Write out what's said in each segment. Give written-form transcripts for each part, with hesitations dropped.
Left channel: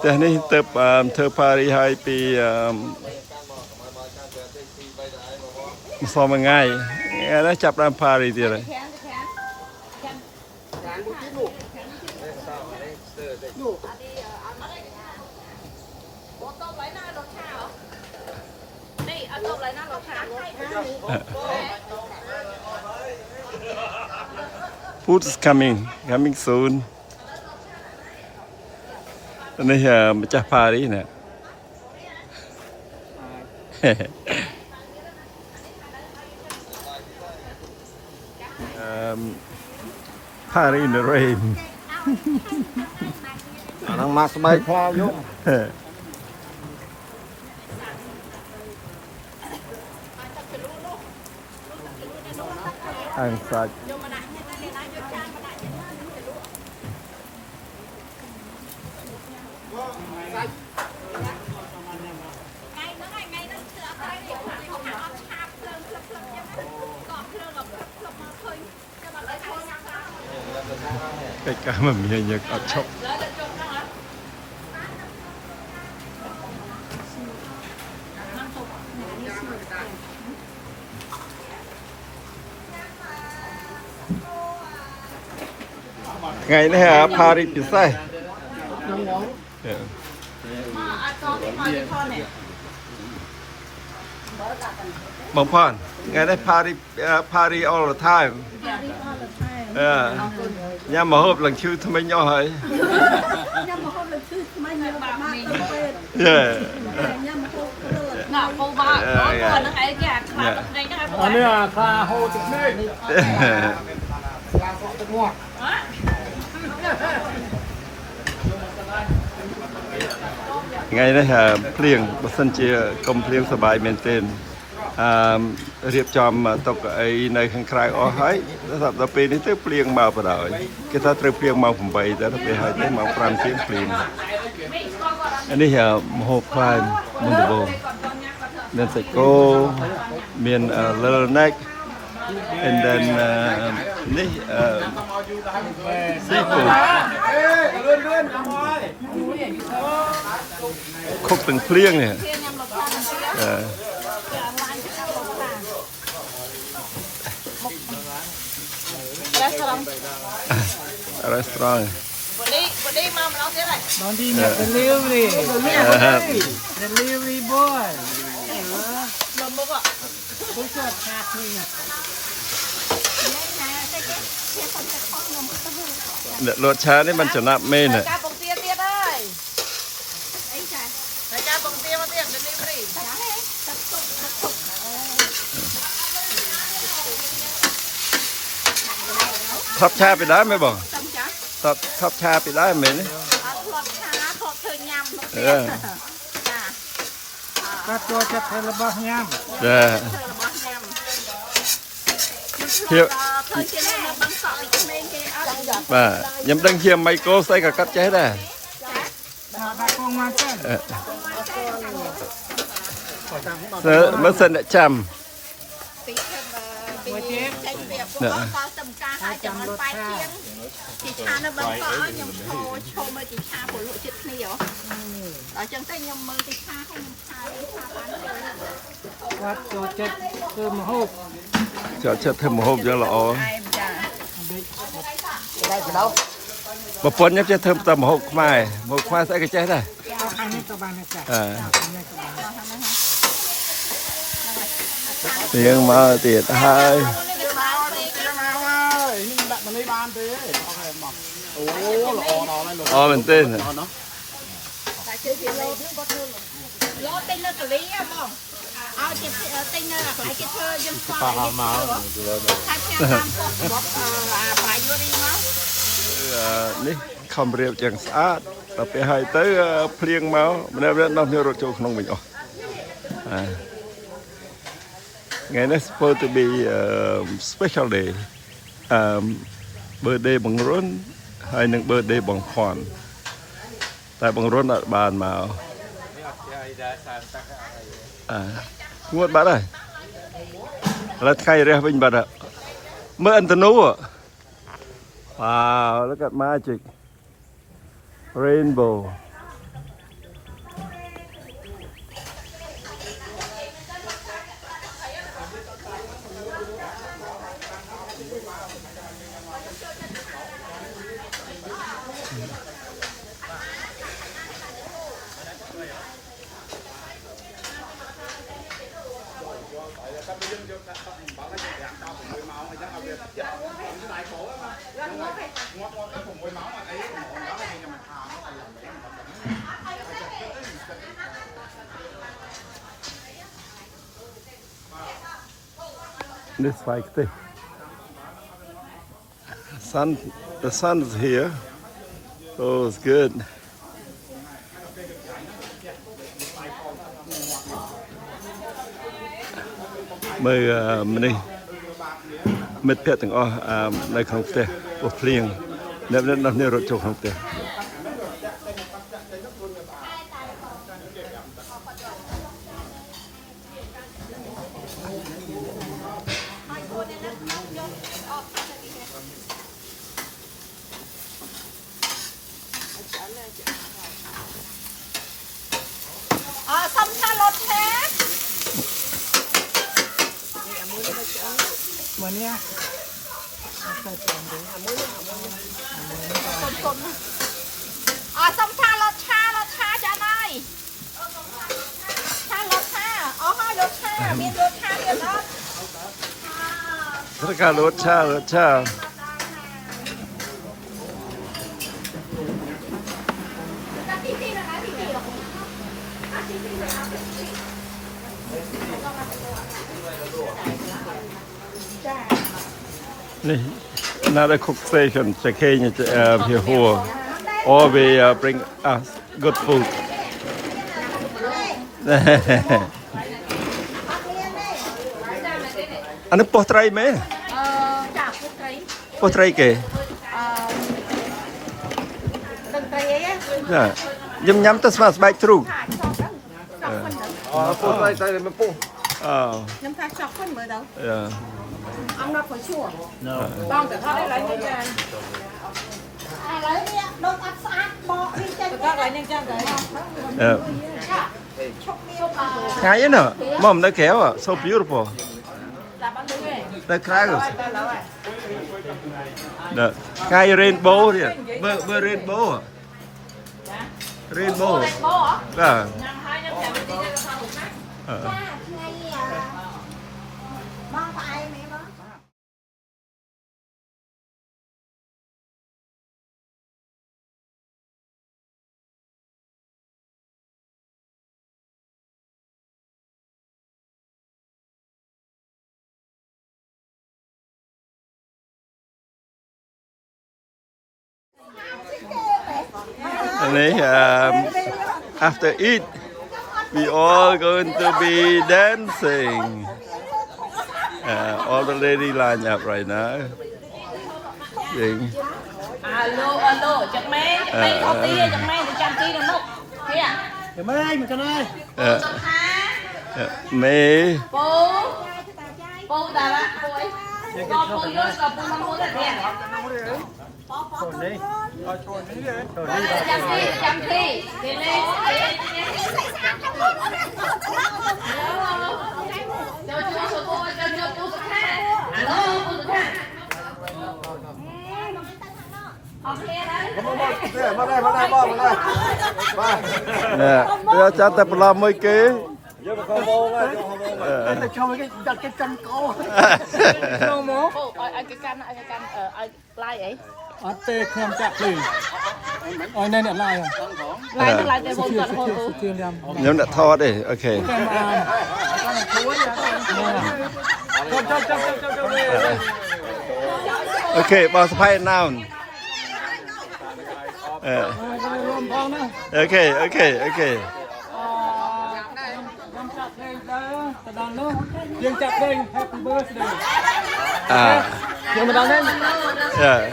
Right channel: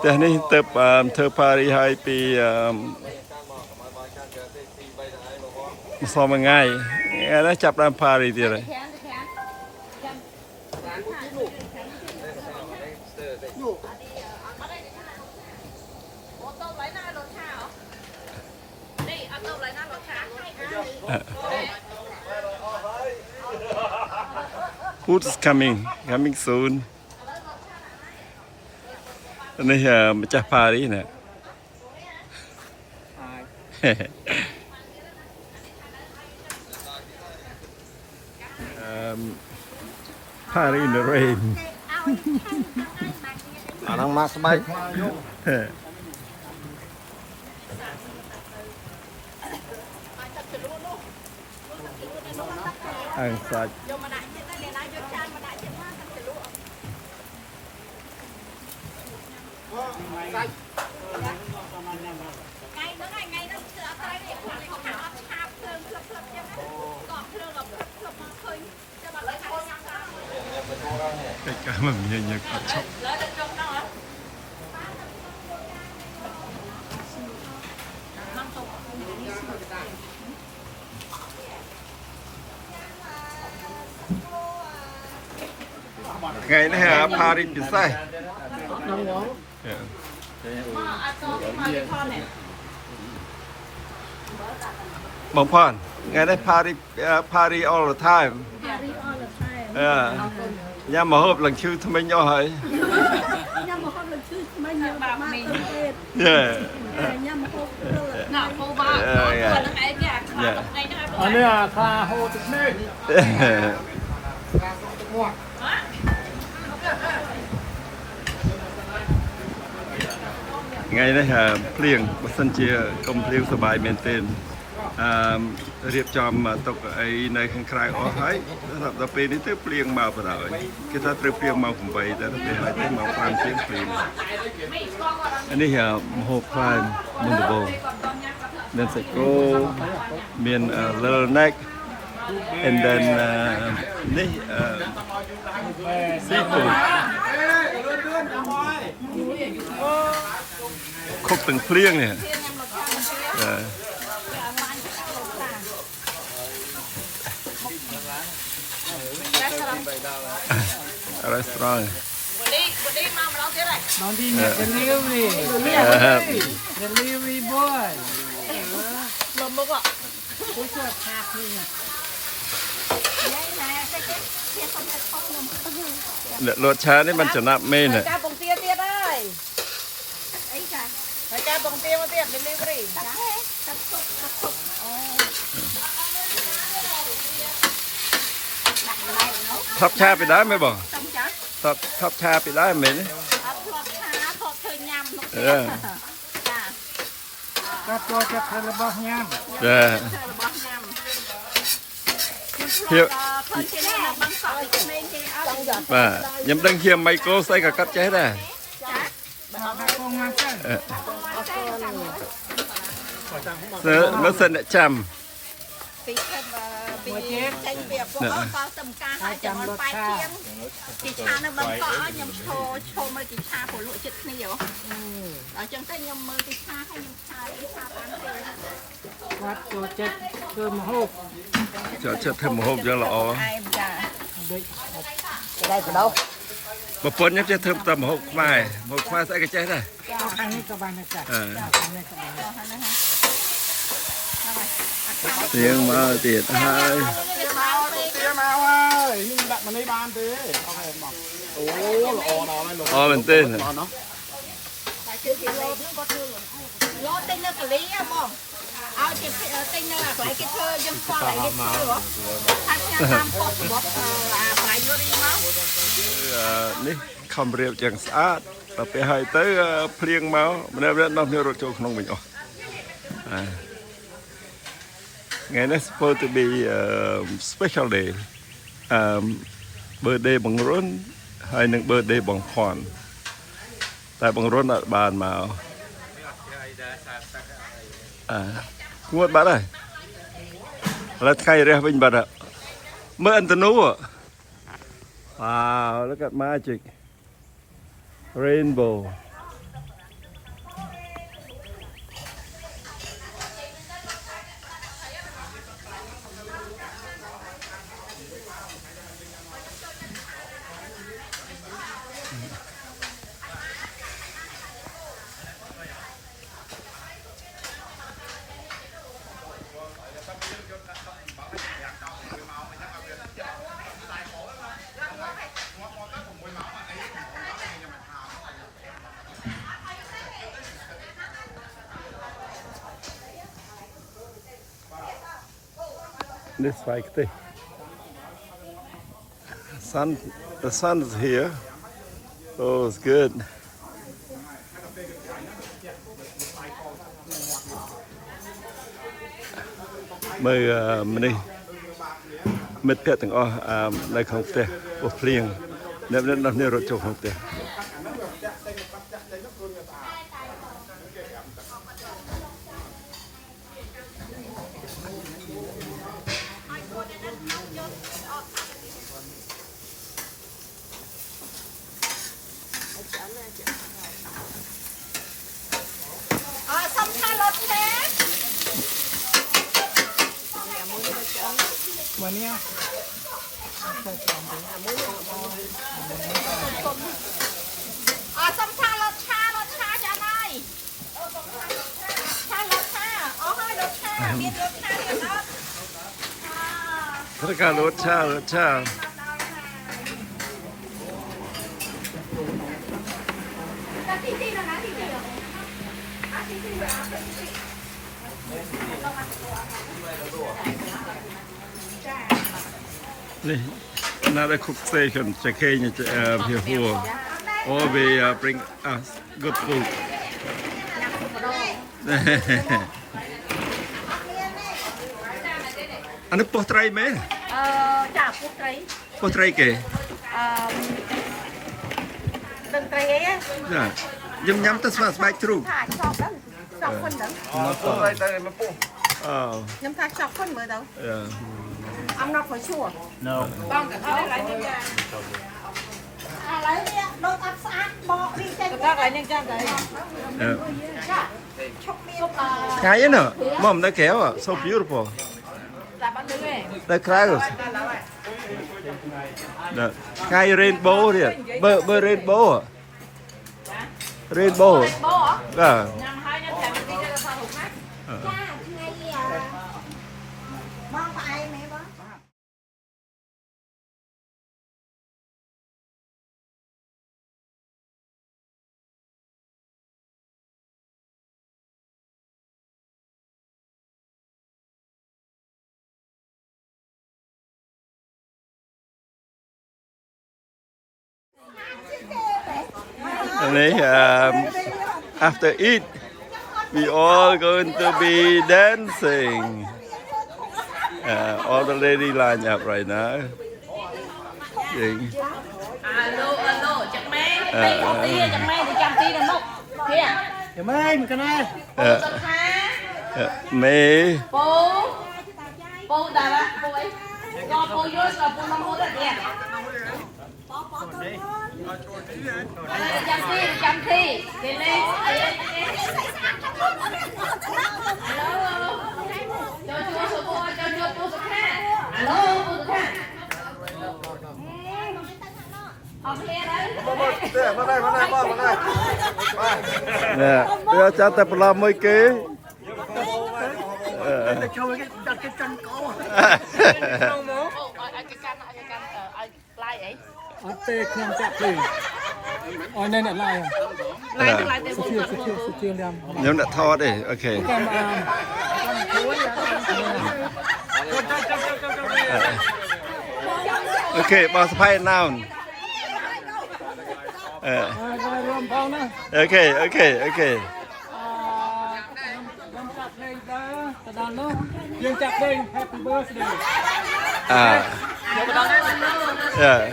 แต่นี่เติบเธอพาริไฮปีซ้อมง่ายแล้วจับรำพาริที่อะไรFood is coming soon อันนี้มาจากปารีสเนี่ยปารีส in the rain นั่งมาสบายคลายยุ่งอ่างสัตว์ใกล้ๆมันมีอย่างเงี้ยก็ชอบไงนะฮะพาริสพิซซ่าบางพ่อนไงได้พาริ all the time ย่ามาฮบหลังชื่อทำไมย่อหายย่ามาฮบหลังชื่อทำไมย่อมากเป็ดย่ามาฮบหน่อโคบาอันนี้คาโฮติเมกไงนะฮะเพลียงบัสันเจียกลมเพลียงสบายเมนเทนเรียบจอมตกไอในข้างคลายอ๋อให้สำหรับตะปีนี้เต้เพลียงมาประดอยก็ถ้าเต้เพลียงมาผมไปแต่ถ้าไปหายเต้มาฟรังเสียงเพลียงอันนี้ฮะโฮพลายมุนตโบเมนเซโกเมียนเลอร์เน็ก and then นี่ซีฟู้ดครบถึงเพลียงเนี่ยrestaurant บางทีเนี่ย delivery boy ลมบอกผู้ช่วยพาเพลียงเนี่ยรสชาตินี่มันจะนับเมนเนี่ยทับชาไปได้ไหมบอกทับชาไปได้ไหมเนี่ยก็ตัวจะเทระบายยามเฮียมายังดังเฮียไมโครใส่กับกัดใจได้มันเส้นจำเนี่ยจำรสชาติจีชาในบางตอนยำโชว์มาจีชาผลจุดนี่เหรอเราจังแต่ยำมือจีชาให้ยำชาพันเลยวัดโจเจ็ดคือมโหบจะเทมโฮบยังหล่อปะปนยังจะเทมตามโฮบไม่โฮบควายใส่กระเจี๊ยได้อันนี้ก็บานนะจ๊ะเลี้ยงมาเตียดให้นี่แบบมันในบ้านเต้โอเคบอกโอ้หล่อหล่ออะไรหล่อเป็นเต้นโลเต้นเลยกะลีอ่ะบ้องเอาเจ็บเต้นเลยไปกินเธอยำซอยมาทักแค่ทำพวกบอกไปยูรีมั้งนี่คำเรียบอย่างสะอาดแต่ไปให้เต้เพลียงเมามันได้น้ำเนื้อรถโจขนมไปอ๋อไงนะ supposed to be special day birthday บังรุ่นให้หนึ่ง birthday บังพรแต่บังรุ่นอ่ะบานมางวดบัตรเลยแล้วใครเรียกเป็นบัตรอ่ะเมื่ออันตนูอ่ะว้าวแล้วก็ magic rainbow this fight thing. The sun is here. Oh, it's good. Mời mìnhមិត្តភក្តិទាំងអស់នៅក្នុងផ្ទះពោះភ្លៀងអ្នកនេះរត់ចូលក្នុងផ្ទះសំខាន់រត់ឆា Mà nha. Xong pha lột cha cho này. Pha lột cha, hơi lột cha, biết lột cha biết đó. ถ้าการรถชา นี่น่าได้คุกเซชันจะเคยจะเพียหัว or we bring us good food อันนี้ปอไตรไหม Chả phút đấy. ปอไตรเก๋ Đừng cây ấy. ยำตัวสมาร์ทแบกทรู Thả chọc đó. Chọc phân đó. Nhâm thả chọc phân mới đâu. Ông nó phải chua. Con cả thôi lấy nhanh ra. Lấy đi, đốt áp sát, bỏ đi chanh. Các lấy nhanh ra cái. Chọc miêu cả. ไงเนอะมอมได้แก้วอ่ะ so beautiful Là bác đứng này. ได้คล้ายเลยไงเรนโบว์เนี่ยเบอร์เรนโบว์เรนโบว์ Bố hả? ก็ Nhằm hai nhằm thèm đi cho sao hụt mắt. Bông tại mẹ bó. And after eat, we all going to be dancing. All the lady line up right now. Alo, chẳng mấy. Đây có tia, chẳng mấy thì trăm tia đừng nút. Kia. Cảm ơn anh, cái này. Mê. Bố đà bác, bố ấy. Có bố vô, có bố mong bố thật kìa. Chăm thi. Đi lên. Nè, đưa cho tập làm mấy kế. Cho mấy cái chân câu. Ở tê thêm chặt gì? Ở đây là lại à? Lại để bố tuần hôn Chuyên đem. Nhóm đã thọ đi, ok. Kem con này thối à? Ok, bỏ spy now. Rôm phong nữa. Ok. Rôm chặt đây đó, ta đàn nữa. Dương chặt đây, happy birthday. Dương ta đàn đây. Yeah.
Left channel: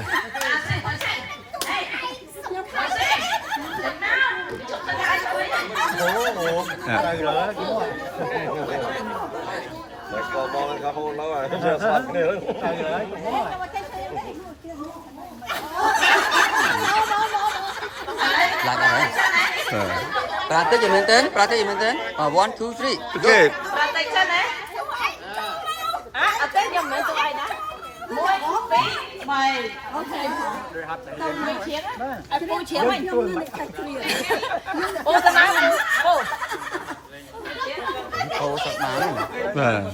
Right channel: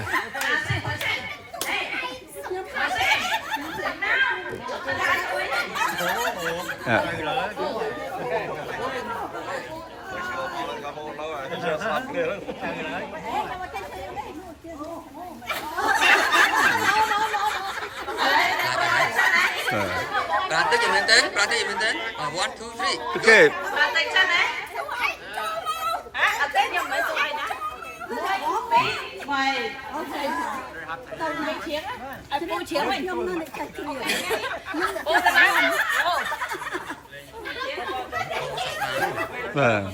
Bạn cái gì mình tên? Bạn cái gì mình tên? 1, 2, 3. Ok. Mày tao mày chiến á cô chiến mày ô tao nói Vâng.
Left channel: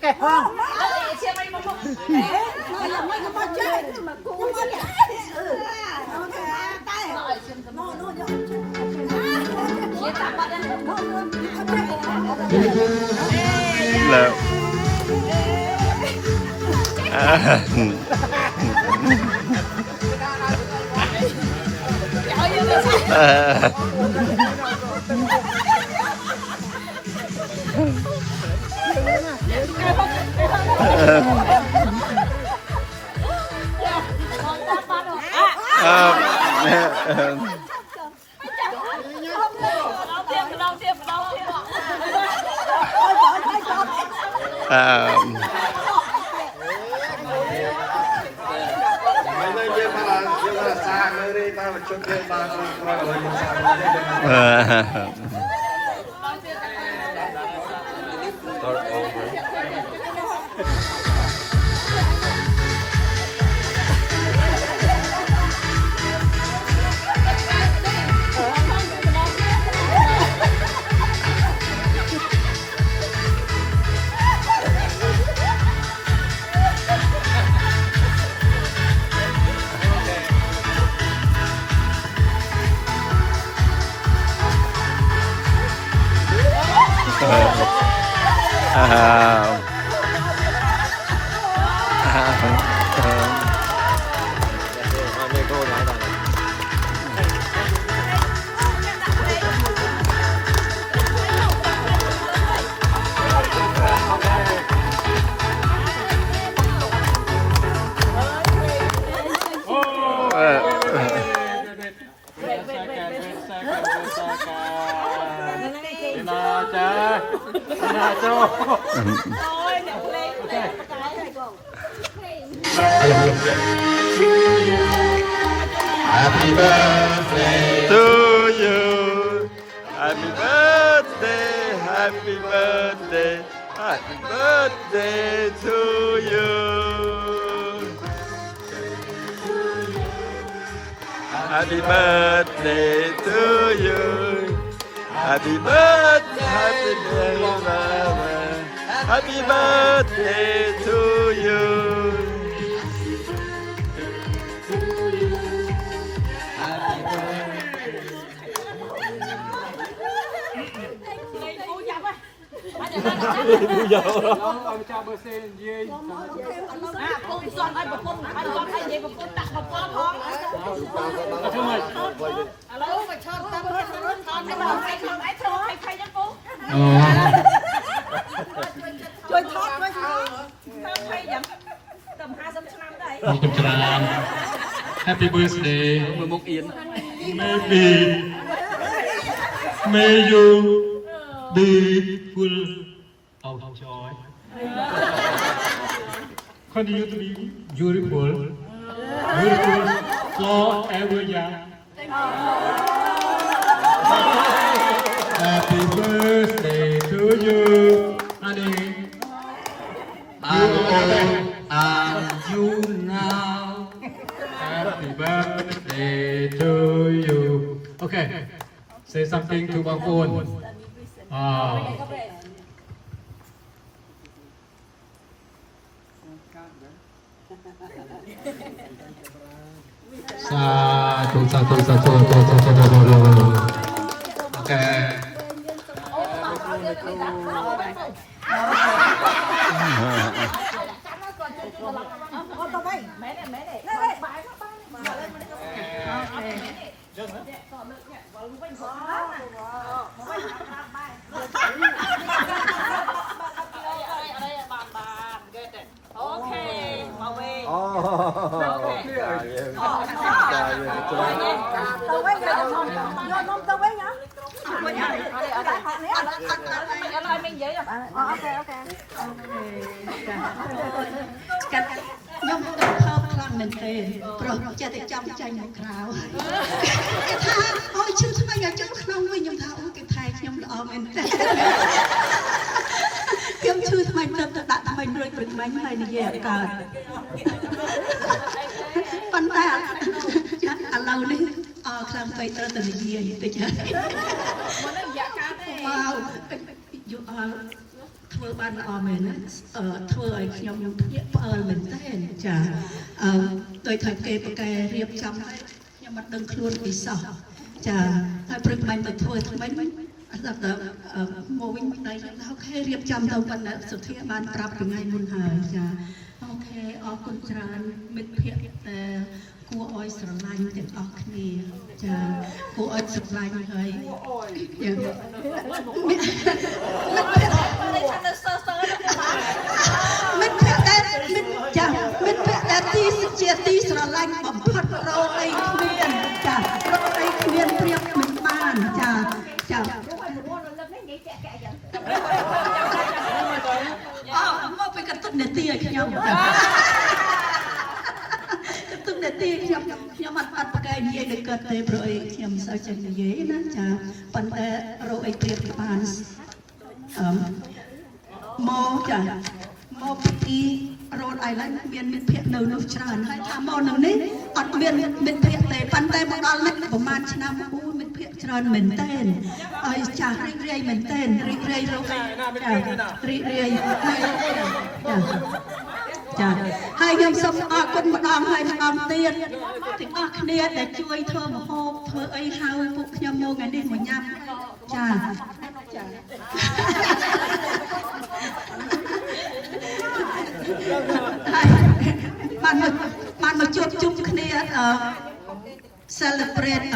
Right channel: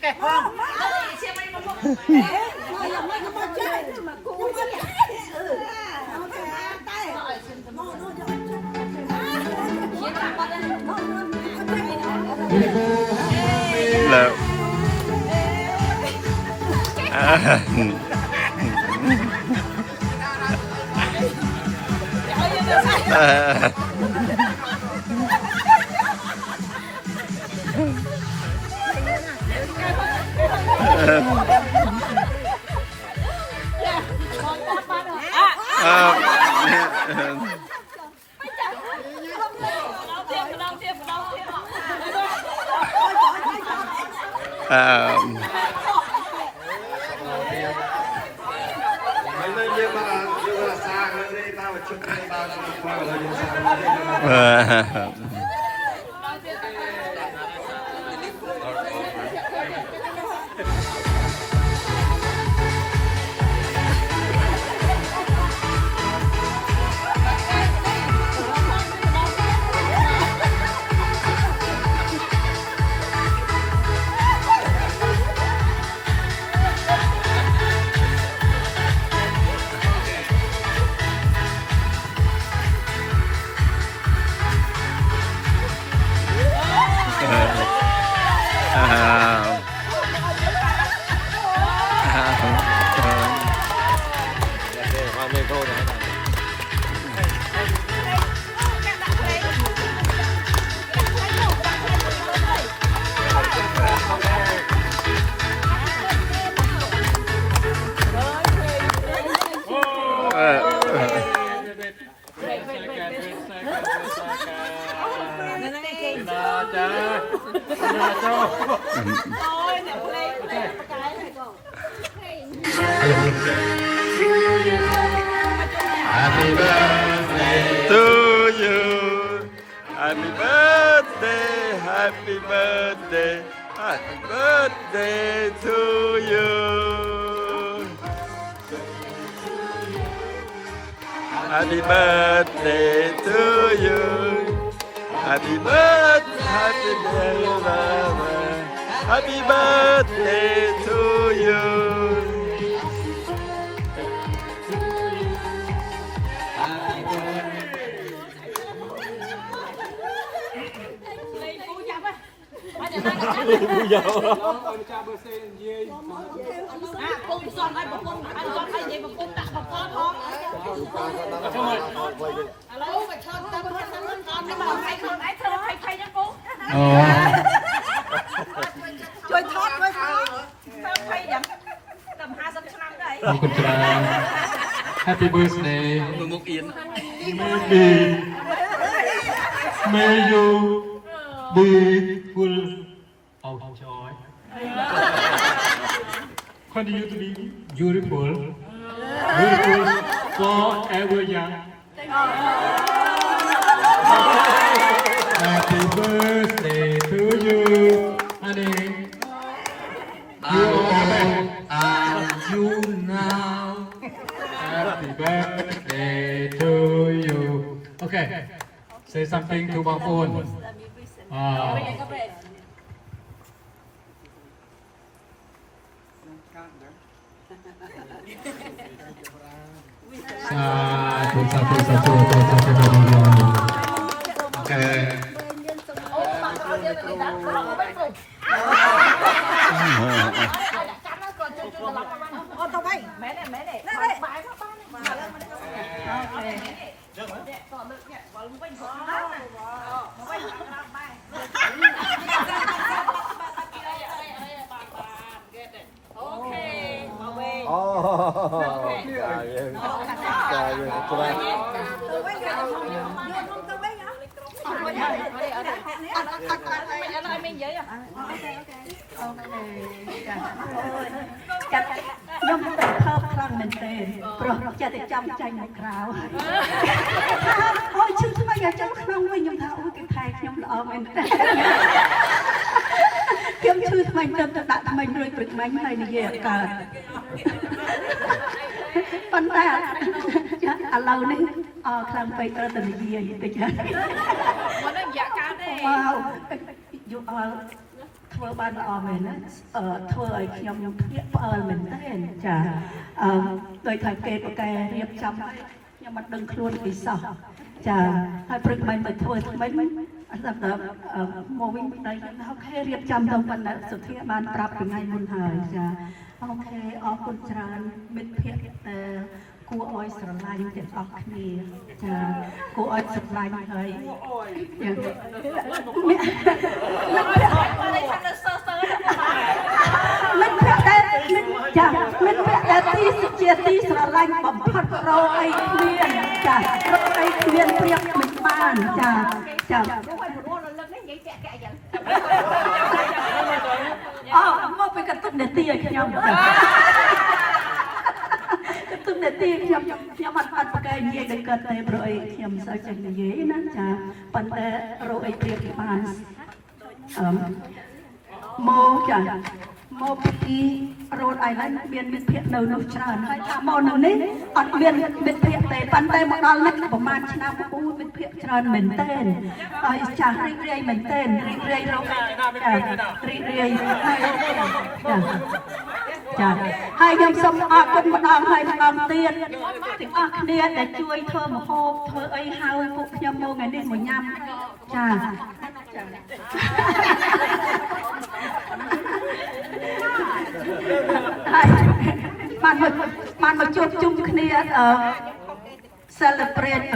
Cái phong. Chiến tạm bắt แล้วto you Happy birthday Happy birthday Happy birthday to you Happy birthday to you Happy birthday Happy birthday Happy birthday to you ông cha bơ xe gì cô son ai bọc con ai con hay gì bọc con đặt bọc con thôi alo mà cho ta bọc con cái bọc ai con ai thơ hay thay cho cô chơi thót với sao thay vậy tầm 20 năm đấy Happy birthday May you be full of joy continue to be beautiful forever young Happy birthday to you honey and you now Happy birthday to you okay say something to my phone satu oke ôi chứ sao bây giờ cháu không với nhung thảo cái thai nhung lọ mình kiếm chưa thay mình tâm đặt mình rồi bực mình này đi về cả phân ta à lâu nữa khăn phải ra từ gì tới chứ wow dù thưa ban mình thưa ở nhung mình tên chả tôi thật kê cái riêng chăm nhưng mà đừng luôn bị sợ chả hai bực mình phải thưa mình សម្រាប់មកវិញតែអូខេរៀបចំទៅប៉ុណ្ណឹងសុធាបានប្រាប់ពីថ្ងៃមុនហើយចាអូខេអរគុណច្រើនមិត្តភក្តិគួរឲ្យស្រឡាញ់ទាំងអស់គ្នាចាគួរឲ្យស្រឡាញ់ហើយយ៉ាងមិត្តភក្តិដែលចាមិត្តភក្តិដែលជាទីស្រឡាញ់បំផុតរកអីគ្មានចារកអីគ្មានព្រៀបមិនបានចាចាអូមកពីកន្ទុកនេតិឲ្យខ្ញុំកន្ទុកនេតិខ្ញុំអត់ប្រកែកនិយាយនឹងគាត់ទេព្រោះអីខ្ញុំមិនសូវចេះនិយាយណាចាប៉ុន្តែរកអីព្រៀបបានមកចាមកពីរ៉ូតអៃឡែនមានមិត្តភក្តិនៅនោះច្រើនហើយថាមកនៅនេះអត់មានមិត្តភក្តិទេប៉ុន្តែមកដល់នេះប្រហែលឆ្នាំមិត្តភក្តិច្រើនមែនទែនហើយចាស់រីករាយមែនទែនរីករាយរករីករាយចាហើយខ្ញុំសូមអរគុណម្ដងហើយម្ដងទៀតទាំងអស់គ្នាដែលជួយធ្វើម្ហូបធ្វើអីហៅពួកខ្ញុំមកថ្ងៃនេះមកញ៉ាំចាបានមកជួបជុំគ្នា celebrate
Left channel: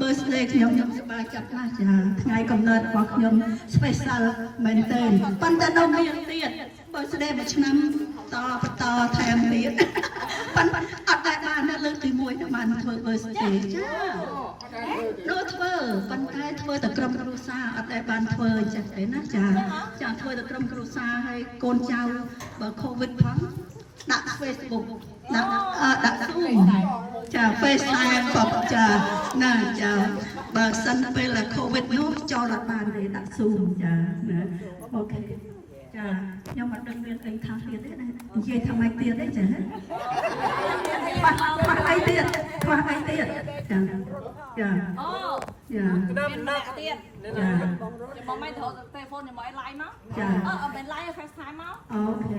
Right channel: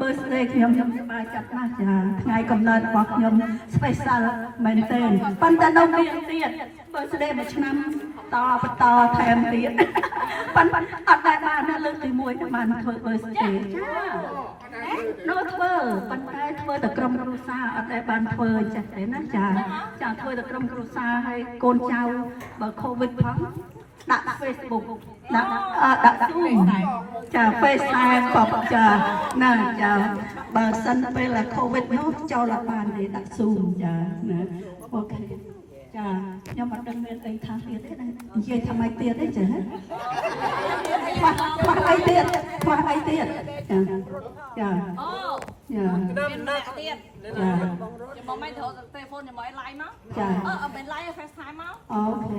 birthday ខ្ញុំសប្បាយចិត្តណាស់ចាថ្ងៃកំណើតរបស់ខ្ញុំ special មែនទែនប៉ុន្តែនៅមានទៀត birthday មួយឆ្នាំបន្តថែមទៀតប៉ុន្តែអត់ដែលបានលើកទី1បានធ្វើ birthday ចាធ្វើប៉ុន្តែធ្វើតែក្រុមគ្រួសារអត់ដែលបានធ្វើអញ្ចឹងទេណាចាធ្វើតែក្រុមគ្រួសារហើយកូនចៅបើ covid ផងដាក់ Facebook ដាក់ Zoom ចា FaceTime ក៏ចាណាចាបើសិនពេល covid នោះចូលអត់បានទេដាក់ Zoom ចាណាអូខេចាខ្ញុំអត់ដឹងមានអីថាទៀតទេណានិយាយថាម៉េចទៀតទេចាខ្វះអីទៀតចាចាអូចាណាក់ទៀតចាខ្ញុំមិនត្រូវទូរស័ព្ទខ្ញុំឲ្យ live មកចាមិន live FaceTime មកអូខេ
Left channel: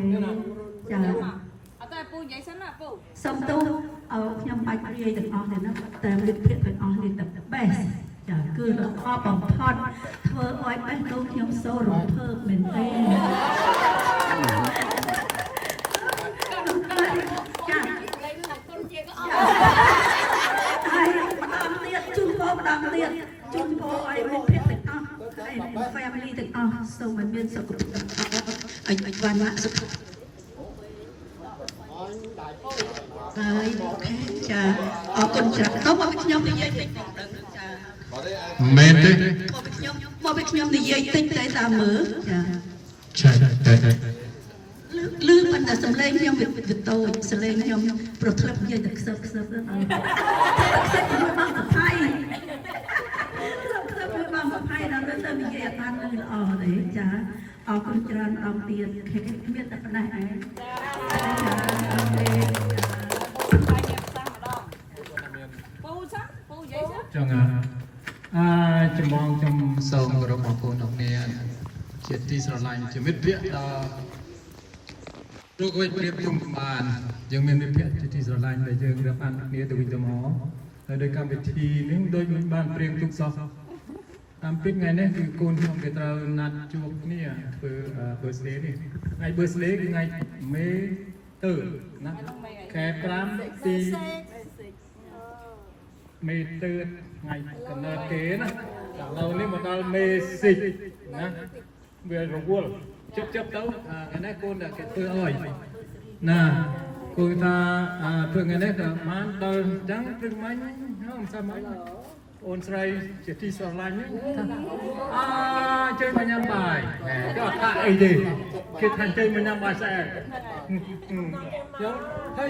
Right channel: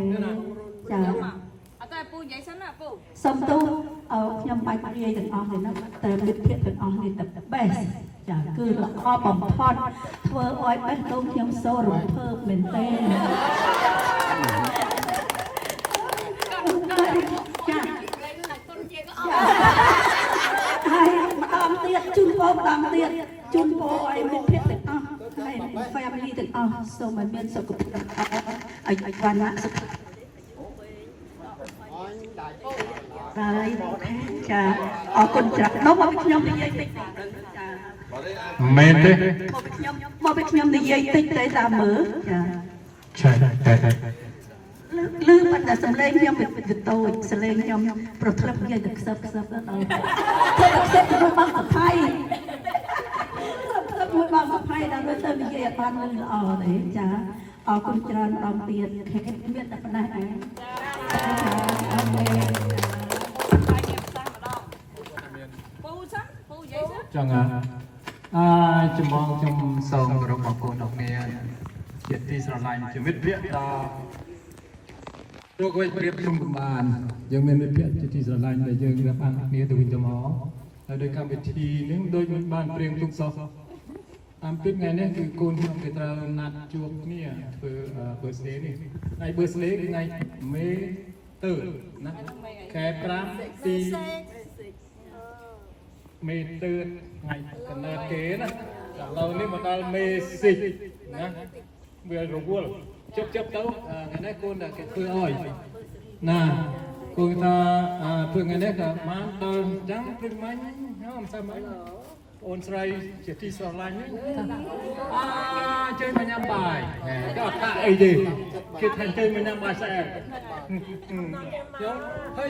ចាអត់តែពូនិយាយសិនណាពូសុំទោសខ្ញុំបាច់និយាយទាំងអស់ទេណាតែមិត្តភក្តិទាំងអស់នេះតែ best ចាគឺល្អបំផុតធ្វើឲ្យបេះដូងខ្ញុំសូររំភើបមែនទេចាគុណជាក៏អត់ហើយម្ដងទៀតជូនពរម្ដងទៀតជូនពរឲ្យមិត្តភក្តិទាំងអស់ហើយ family ទាំងអស់សូមឲ្យមានសុខភាពឲ្យវណ្ណៈសុខហើយចាអរគុណច្រើនមកខ្ញុំនិយាយតិចចាមែនទេមកពីខ្ញុំនិយាយតិចតែតាមមើលចាតែលឺប៉ុន្តែសំឡេងខ្ញុំវាតូចសំឡេងខ្ញុំប្រធ្លឹបនិយាយទៅខ្សឹបទៅដល់ខ្សឹបរបស់សថៃខ្សឹបរបស់សថៃដល់ទៅនិយាយអត់បានលឺល្អទេចាអរគុណច្រើនម្ដងទៀតមានតែប៉ុណ្ណេះឯងចឹងចំបងខ្ញុំសូមគោរពបងប្អូនទាំងគ្នាជាទីស្រឡាញ់ជាមិត្តភក្តិដល់ព្រោះકોઈប្រៀបខ្ញុំបានយើងមានមិត្តភក្តិជាទីស្រឡាញ់ដែលយើងរាប់អានគ្នាទៅវិញទៅមកហើយដោយកម្មវិធីនេះដូចបានព្រៀងទុកសោះតាមពិតថ្ងៃនេះគឺកូនខ្ញុំគេត្រូវណាត់ជួបគ្នាធ្វើ birthday នេះថ្ងៃ birthday គឺថ្ងៃមេទើណាខែ5ទីមេទើថ្ងៃកំណើតគេណាឥឡូវនេះមកដល់មេសិចណាវារវល់ជប់ទៅថ្ងៃនេះកូនតែគេធ្វើឲ្យណាគូថាធ្វើថ្ងៃនេះក៏បានដល់អញ្ចឹងព្រឹកមិញមិនសមអីអូនស្រីជាទីស្រឡាញ់ជួយមកញ៉ាំបាយក៏អត់ថាអីទេគេថាជួយមកញ៉ាំបាយស្អែកចឹងហើយ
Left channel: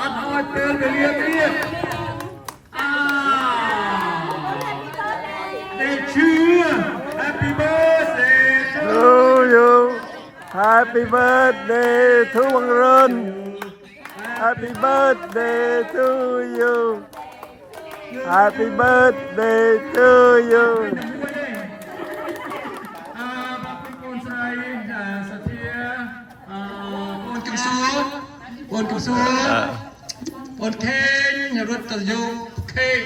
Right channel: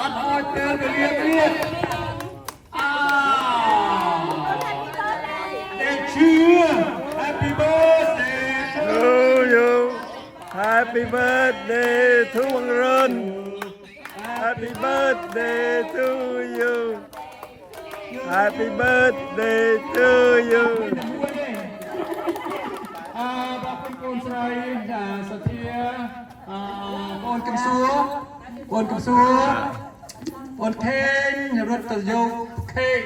អត់ឲ្យពេលវេលាទៀតនេះជឿ Happy birthday to you Happy birthday to វង្រិន Happy birthday to you Happy birthday to you បងប្អូនស្រីសធាបងកំសួរបងខេងរត់ទៅយកខេក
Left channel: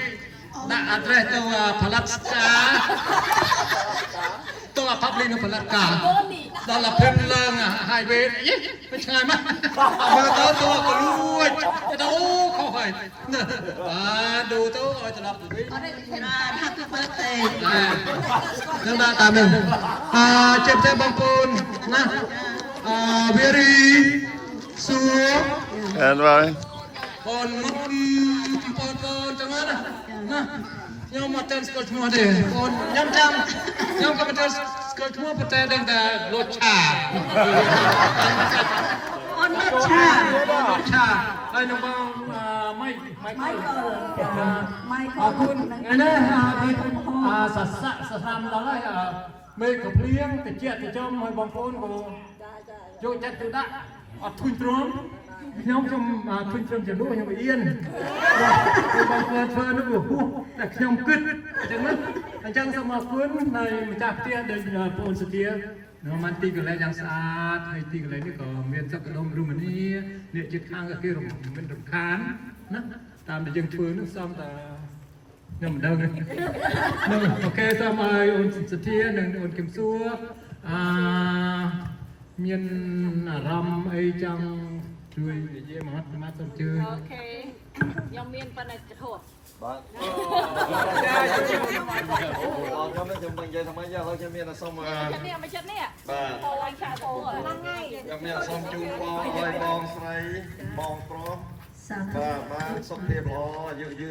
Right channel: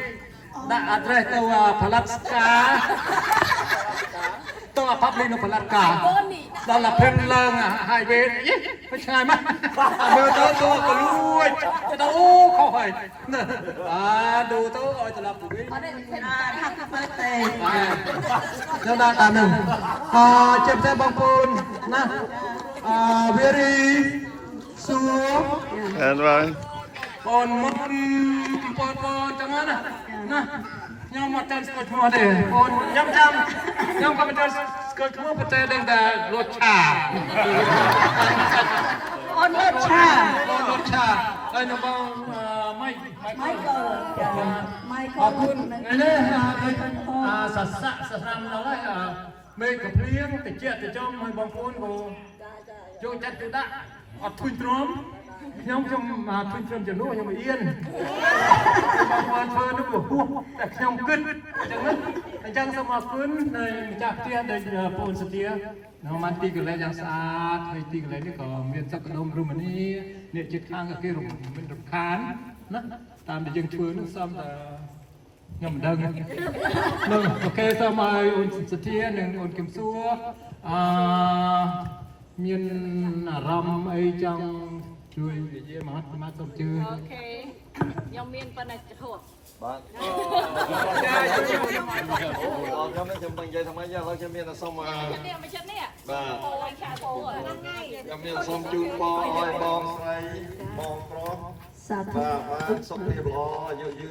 ដាក់ address ទៅផលិតការទៅអាផាប់លីនៅផលិតការដល់អាភិនឡើងហើយវេទៅឆ្ងាយមកមើលទៅក៏លួចទៅខុសហើយបាទดูទៅឲ្យត្រឡប់ទៅវិញ Happy birthday ខ្ញុំបានតាមនេះជាផ្សេងបងប្អូនណាវារីសួរ អត់ហើយ បងមុនបងចឹងណាខ្ញុំមកទៅស្គាល់ឈ្មោះទេបងខ្ញុំក៏មិនទៅស្គាល់ឈ្មោះប៉ុន្តែដឹងតែលួចឆា អូនលុតឆា ឆាហើយនៅបងម៉ៃ Michael អរគុណនេះសស័កសសាមដល់ហើយមេកភ្លៀងតិចទៅចំឲ្យបងប្អូនក៏ចូលចិត្តទៅដាក់អត់ធុញទ្រាំខ្ញុំខ្ញុំធុញទ្រាំចំនួនខ្ញុំអៀនបងប្អូនធ្វើនោះវាហួសតែខ្ញុំគិតអញ្ចឹងសូមអរគុណនៃម្ចាស់ផ្ទះដោយបងសុធានៅបានទីកន្លែងយ៉ាងស្អាតហើយទីកន្លែងនេះក៏មានសក្តិរមនីអ្នកជិតខាងក៏គេមិនរំខានណាតាមដែលយើងធ្វើនឹងសំតែខ្ញុំមិនដឹងអូខេសូមឲ្យអូនសុធានិងអូនគឹមសួរមានអារម្មណ៍អីចង់ជួយនិយាយមកសូមជឿ អូខេខ្ញុំមានប៉ុណ្ណេះហួស បាទខ្ញុំមិនចាំនិយាយថាម៉េចទេហើយខ្ញុំមានតែសុំបាទ មកចិត្តនេះពោឲ្យឆាពោហ្នឹងហើយ ខ្ញុំមានសុំជូនបងឲ្យបងស្រីបងប្រុស សាធុ បាទបានសុខភាពល្អយូរ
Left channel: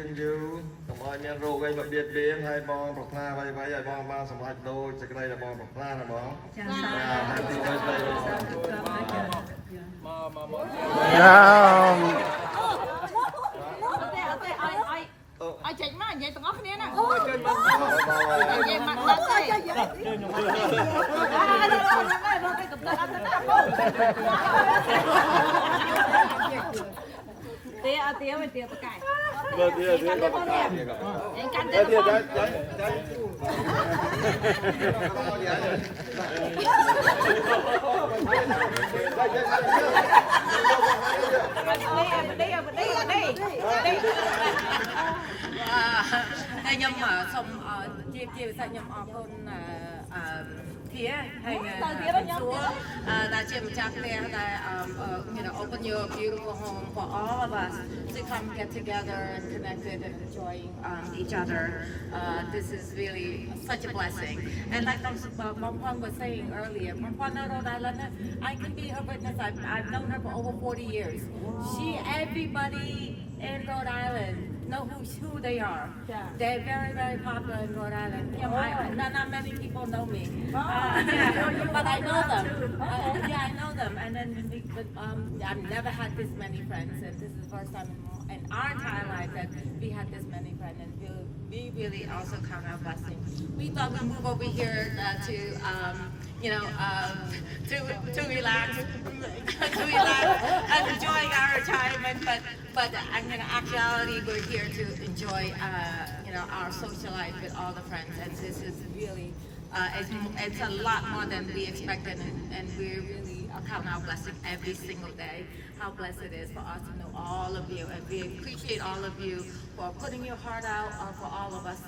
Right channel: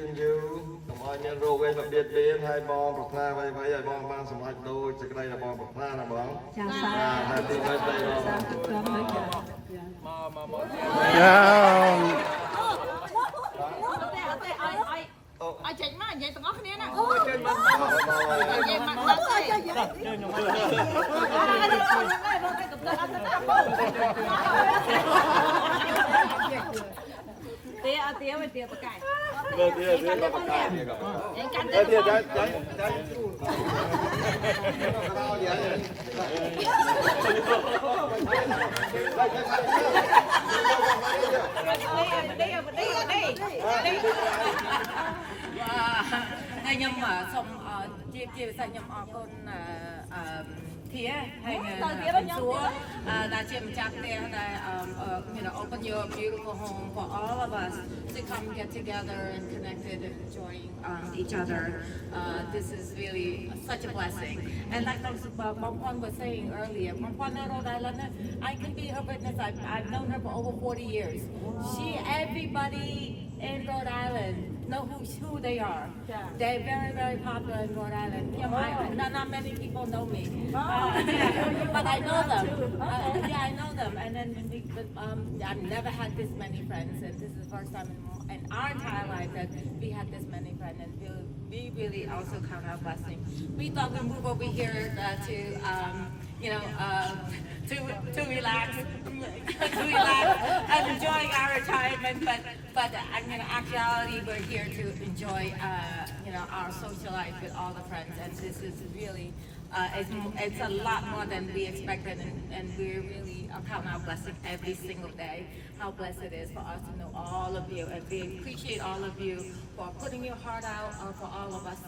កុំឲ្យមានរោគអីមកបៀតបៀនហើយបងប្រាថ្នាអ្វីៗឲ្យបងបានសម្រេចដូចសេចក្តីដែលបងប្រាថ្នាណាបង ចាស បាទហើយទីនេះទៅបង ឲ្យចេញមកនិយាយទាំងអស់គ្នាណាចេញមកនិយាយមកដល់ទៅទេអត់ទេមិនទេបកាយ បាទទៀតបាទបកាយនេះក៏ ឯងកាន់ តែ ទៅ ទៀតចាចា ហើយខ្ញុំសូមជាភាសាខ្ញុំអរគុណធាហើយខ្ញុំសួរដែលជាម្ចាស់ផ្ទះដែល open your beautiful home for all of us to come get together and connected and enjoying each other. This is really such a blessing. And like Mom Pon was saying earlier, Mom Pon in Rhode Island, I can be her witness. I've known her for over 40 years. Everybody in Rhode Island know who they are. They're very, very popular in Rhode Island. Not many people know me. But I know them. I know them. And then I've never had this many friends, and this is the first time in our entire life that we had this many friends, and we really also count our blessing. We thought we'd move over here to relax, and enjoying our retirement. But actually, we're here to enjoy, our social life with all the friends, and this is really. It's a lot more than we expected, and we really count our blessing every single day. How blessed it is for us to know all of you, and we appreciate all of you for putting your heart out, or for all of us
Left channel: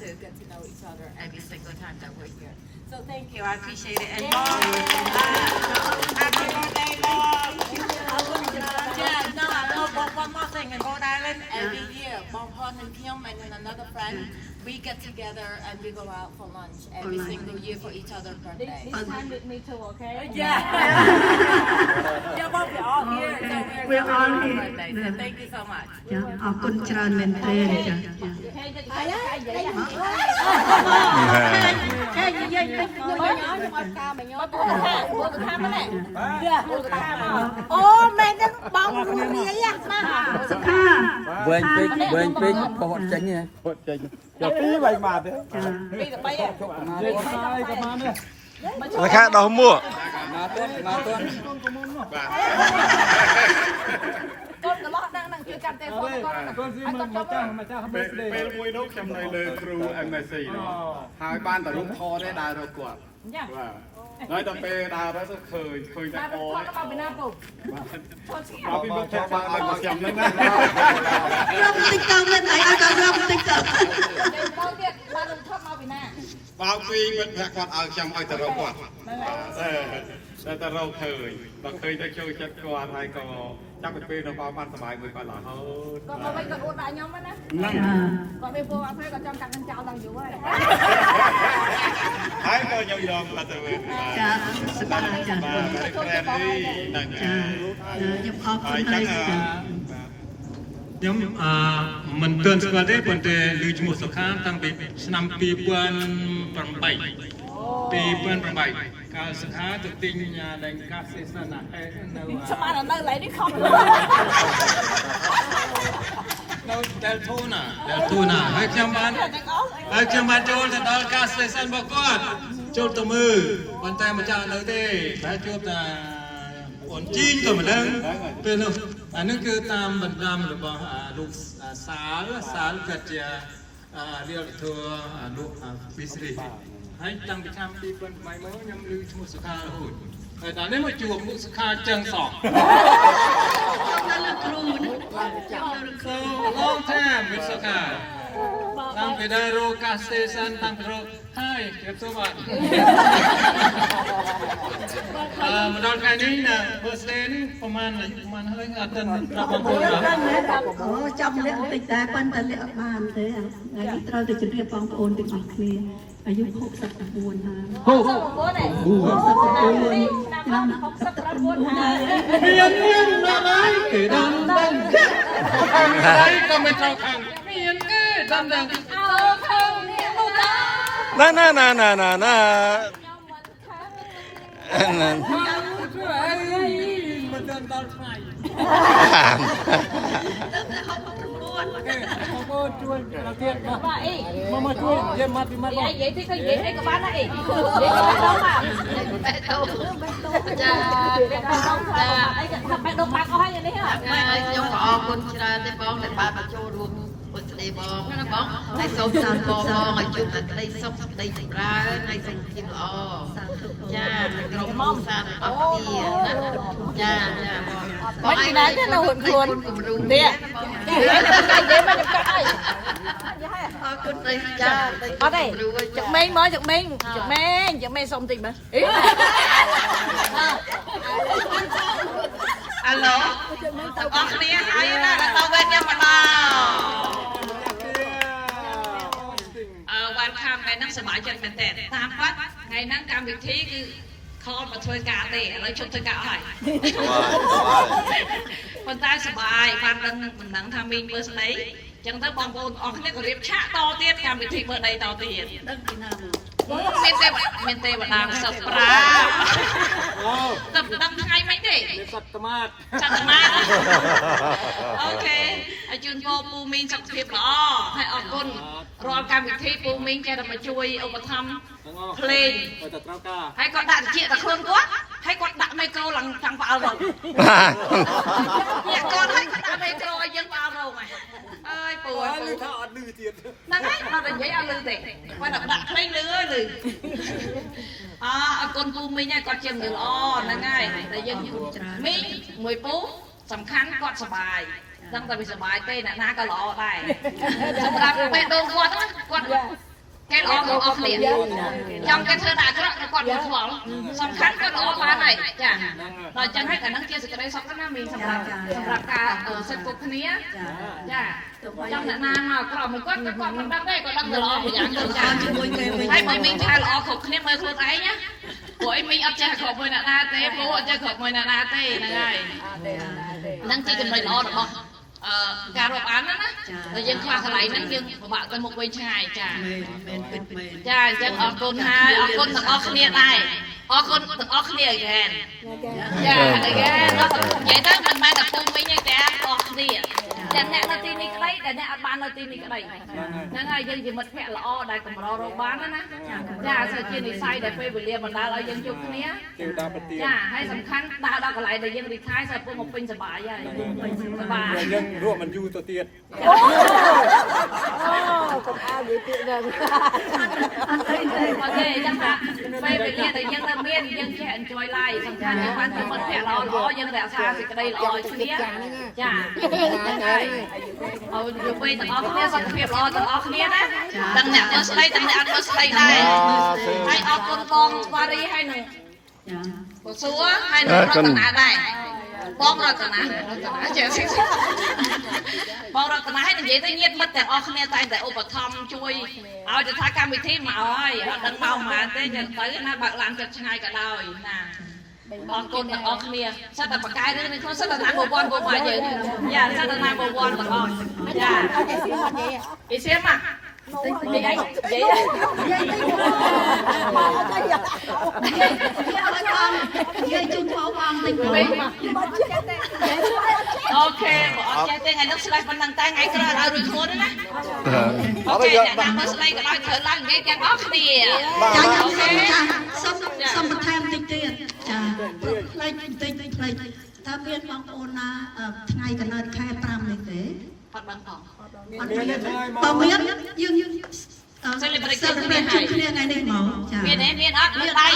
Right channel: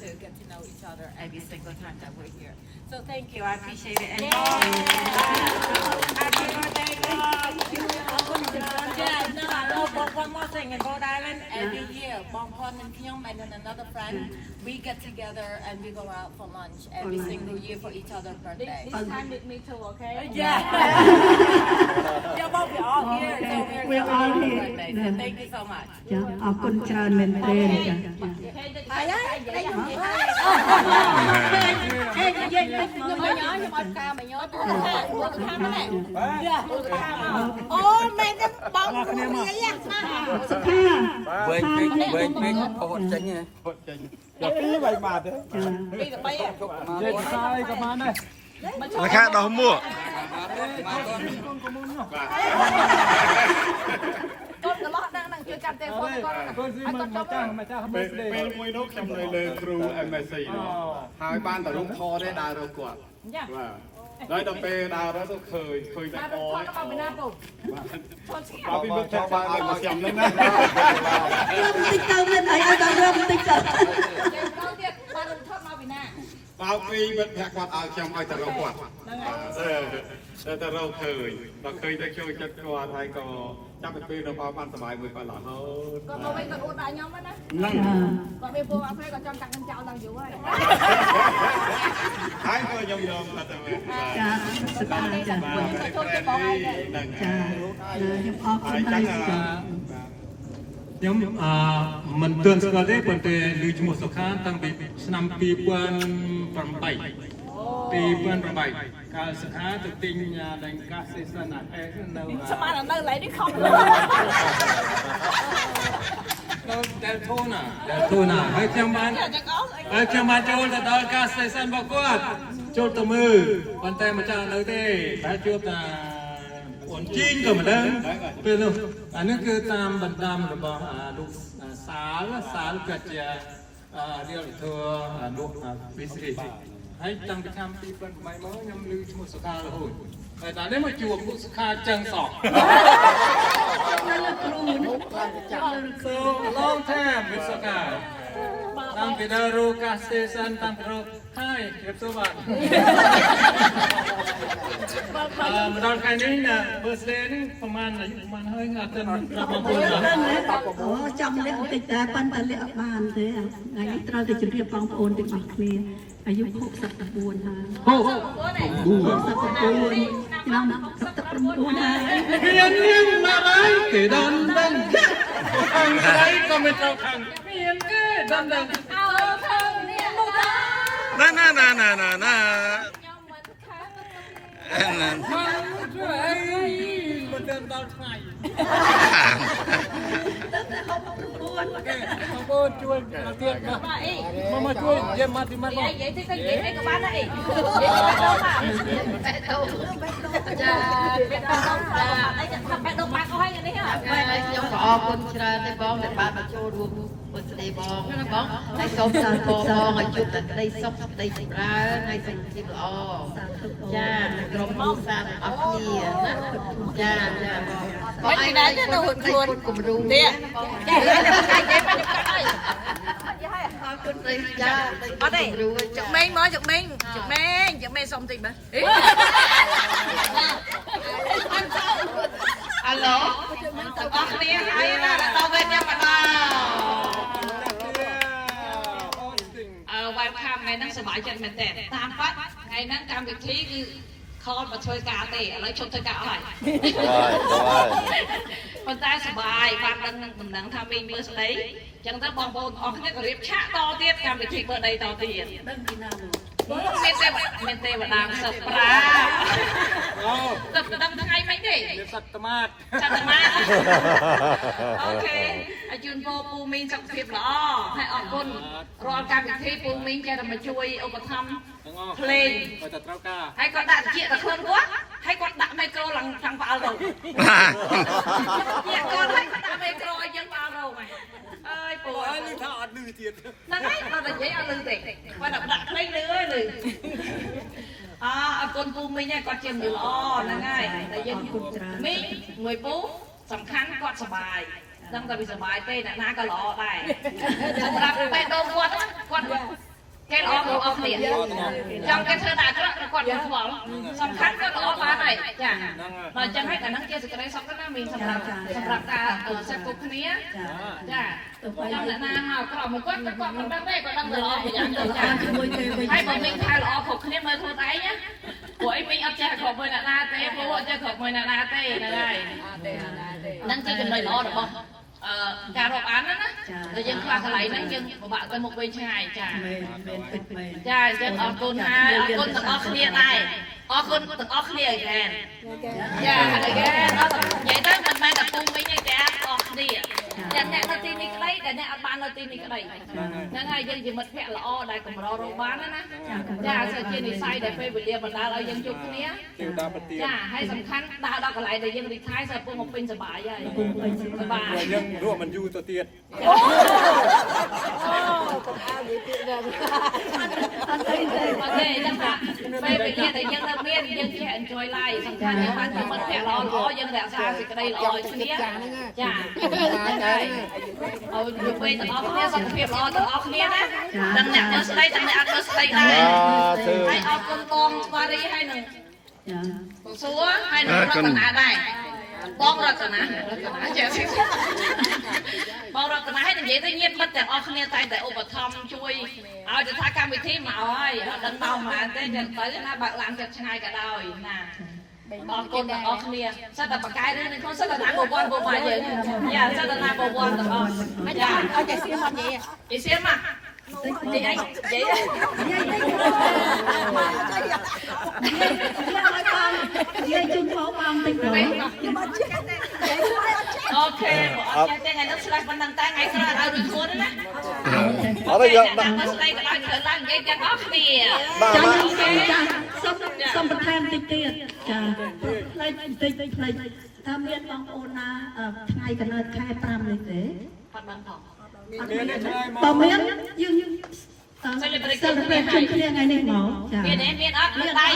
to get to know each other every single time that we're here. So thank you, I appreciate it. And happy birthday, Mom! One more thing, in Rhode Island, every year, Mom Pon and Kyung and then another friend, we get together and we go out for lunch every single year for each other's birthday. This time with me too, okay? Yeah. But we're all here, so we're all here. Birthday, so thank you so much. ចាអរគុណច្រើនមែនទេចា អូមែនទេបងរួមគ្នាណាសុខា វែងពេកក៏អត់ចេញទេ ពីរបីបាតទេ ពីរបី និយាយភាសាអីក៏បានដែរ រាខាដោះមួក កូនកន្លោះហ្នឹងជួយចាប់ទេហ្វូនកូន កូនស៊ីមកចាស់ពេលមួយនោះខ្ញុំនៅលើគ្រូ MSc នោះហើយបានតែរូបថតទេដើររកគាត់បាទហើយដល់ពេលដើរទៅឃើញតែអ មកពីណាពូ មកពីមុខចាស់បានមកខ្ញុំហ្នឹងណា រំតិចទៅមានអីឲ្យដល់រំតិចទៅ ពីមិត្តភក្តិគាត់ឲ្យខ្ញុំឲ្យទៅរកគាត់តែទៅរកឃើញដល់ឃើញទៅចូលចិត្តគាត់ហើយក៏ចាប់ពីពេលទៅបានសុបាយមួយគាត់រហូត គាត់មកវិញគាត់អួតដល់ខ្ញុំណា ហ្នឹង គាត់មានពួកអត់ផ្លេគាត់ចង់កាត់នឹងចោលដល់យូរហើយ ហើយក៏ខ្ញុំយកគាត់ទៅវិញ ចាសប្បាយចា បាទក្រែមនេះហ្នឹង ចាខ្ញុំអរគុ ហើយ ណ ចឹង ខ្ញុំមិនទាន់ស្គាល់ទេប៉ុន្តែឮឈ្មោះសុខាតាំងពីឆ្នាំ2008កាលសុខាទៅទិញដែងកាសសេសាណាអេសនៅ ស្មាននៅឡើយនេះខំ នៅដែលធូណាហើយខ្ញុំបានចូលទៅដល់កាសសេសានរបស់គាត់ចូលទៅមើលប៉ុន្តែមិនចាំនៅទេតែជួបតាអូនជីងក៏មិនដឹងពេលនោះអានេះគឺតាមបណ្ដាំរបស់លោកសាលគាត់ជារៀលធัวលោកពីស្រីហើយតាំងពីឆ្នាំ2008មកខ្ញុំឮឈ្មោះសុខារហូតហើយដល់នេះមកជួបមុខសុខាចឹងសោះលោកថាមិនសុខាតាំងពីដល់រកកាសេសានតាំងពីរកហើយខ្ញុំទៅបាទមកដល់ថ្ងៃនេះណា birthday នេះប្រហែលហើយអត់ទាន់ប្រាប់បងប្អូន អូចាំលាក់បន្តិចតែប៉ុន្តែលាក់អត់បានទេថ្ងៃនេះត្រូវតែជម្រាបបងប្អូនទាំងអស់គ្នាអាយុ69ហើយ ហូ69ឆ្នាំ69ហើយ មានណាស់ហើយគេដឹងខាងដៃក៏មិនត្រូវខាងមានគេដឹង អោខំនេះមកដល់ ណា ខ្ញុំមិនខាង ណា ជួយអីមិនដឹងដល់ថ្ងៃបងជួយប្រទៀតមកជួយនិយាយមកទីមកបង និយាយទីក៏និយាយអីក៏បានដែរអីនិយាយទៅដល់បាទបែកដោចាបែកដោអីថាបែកដោបាក់អស់ហើយនេះហ៎ ខ្ញុំក៏អរគុណច្រើនទេបងដែលបានមកចូលរួមមួយស្ដីបងណាបងហើយសូមតាមបងឲ្យជួបតែក្តីសុខក្តីចម្រើនហើយសុខភាពល្អចាក្រុមមកសាអស់គ្នាណាចាមិនពីណាទេនៅខ្លួននេះចានិយាយមកខ្ញុំកាត់ហើយ អរគុណទេចា អត់ទេចឹកមេងមកចឹកមេងសុំតិចមើលអាឡូអរគ្នាហើយណាដល់វិញខ្ញុំបណ្ដោwelcome ថ្ងៃហ្នឹងសប្បាយចិត្តមែនតើតាមគាត់ថ្ងៃហ្នឹងកម្មវិធីគឺខលមកធ្វើការទេឥឡូវជប់ធ្វើការអស់ហើយប៉ុន្តែសប្បាយបានដឹងមិនដឹងថាមីងមើលស្ដីចឹងទៅបងប្អូនអស់គ្នាក៏រៀបឆាកតទៀតកម្មវិធីមើលដីតទៀតដឹងពីណាមានទេវតាសុប្រា ទៅដឹងថ្ងៃមិនទេ សត្វត្មាត អូខេហើយជូនពរពូមីងសុខភាពល្អហើយអរគុណរាល់កម្មវិធីពូមីងចេះតែមកជួយឧបត្ថម្ភភ្លេង តែត្រូវការ ហើយគាត់ដាក់ជាតែខ្លួនគាត់ហើយគាត់ដាក់មីក្រូឡើងខាងផ្អើលរងអ្នកគាត់ឲ្យគាត់ដាក់មីក្រូឲ្យយើងផ្អើលរងអើយពូអើយថាអត់លឺទៀតហ្នឹងហើយដល់តែនិយាយអត់លឺទេគាត់ដាក់ភ្លេងលឺអើយលឺអរគុណពូមីងហើយគាត់ជាមនុស្សល្អហ្នឹងហើយតែយើងមីងមួយពូសំខាន់គាត់សុបាយដឹងតែវាសុបាយទេអ្នកណាក៏ល្អដែរសម្រាប់ពេលដូនគាត់គេល្អមកអស់គ្នាចង់គេធ្វើតែអាក្រក់គាត់មិនខ្វល់សំខាន់គាត់ល្អបានហើយចាដល់អញ្ចឹងហើយតែនឹងជាសេចក្តីសុខណាមីងសម្រាប់ការសិទ្ធិគ្រប់គ្នាចាចង់អ្នកណាមកក្រមកគាត់មិនដឹងទេគាត់ដឹងតែល្អប្រយ៉ាងទៅចាជាមួយគេហើយបើមីងថាល្អគ្រប់គ្នាមើលខ្លួនឯងណាព្រោះអីមីងអត់ចេះគ្រប់មួយអ្នកណាទេព្រោះអត់ចេះគ្រប់មួយអ្នកណាទេហ្នឹងហើយហ្នឹងជាចំណុចល្អរបស់ការរាប់អានណាតែយើងខ្លះកន្លែងហ្នឹងយើងពិបាកទៅមុខវិញឆ្ងាយចាចាអញ្ចឹងអរគុណហើយអរគុណទាំងអស់គ្នាដែរអរគុណទាំងអស់គ្នាagain ចាagain និយាយទៅមិនមែនតែពូមីងទេតែអស់គ្នាទាំងអ្នកនៅទីនេះក្តីតែអ្នកអត់បាននៅទីនេះក្តីហ្នឹងហើយយើងជាមិត្តភក្តិល្អដែលកម្ររកបានណាចាសូវជានិស័យដែលពេលវេលាបណ្ដាលឲ្យយើងជួបគ្នាចាហើយសំខាន់ដើរដល់កន្លែងដែលយើងរីករាយសូវពុកមកពេញសប្បាយហើយសប្បាយ យើងរស់មិនយូរទៅទៀត អូកុំអាយ ok chắc là bây bây giờ thì dân làm miên dân trẻ enjoy life xong ra những bạn thì mất trẻ lo dân đã xa thì cái đây lo chứ biết chảอยู่ไปตลอดเนี่ยสังเกตรอตลอดเนี่ยนะตั้งแต่เมื่อสไลด์ตั้งแต่เมื่อสไลด์ได้ให้ออกคนกองวารีให้หนึ่งซัวให้หนึ่งรัตนาได้ป้องรัตนาเจ๋งสิป้องรัตนาให้หนึ่งเยอะที่เงียบมัดแต่ออกเนี่ยแต่อุปธรรมช่วยเอาจะทายการวิธีมาเอาไอ้ดังเมามาเต้จะtớiนะบางหลังจะชายก็ได้นะบางคนออกเนี่ยสัตว์ปากกายนี่เขาสัตว์นางบวรบวรเยอะอย่าสัตว์นางบวรตลอดอย่าเอาใจเสียมันเยอะไอเสียมาเยอะเยอะโอเคบอกใจเต้นไงนักสไลด์มันนั่งแต่ไงก็ได้รีโคดนะโอเคแต่นั่งนักสไลด์ก็ได้เธอล่างเยอะจังออกเนี่ยโอเคសំបន្ថែមតិចទៀតចាផ្លេចតិចផ្លេចថាមានបងប្អូនណាថ្ងៃកណើតខែ5នេះទេ អត់ដឹងផង បើមានយើងសិល្បៈជួយគ្នាថ្ងៃនេះមកចាមានអត់លើកដៃ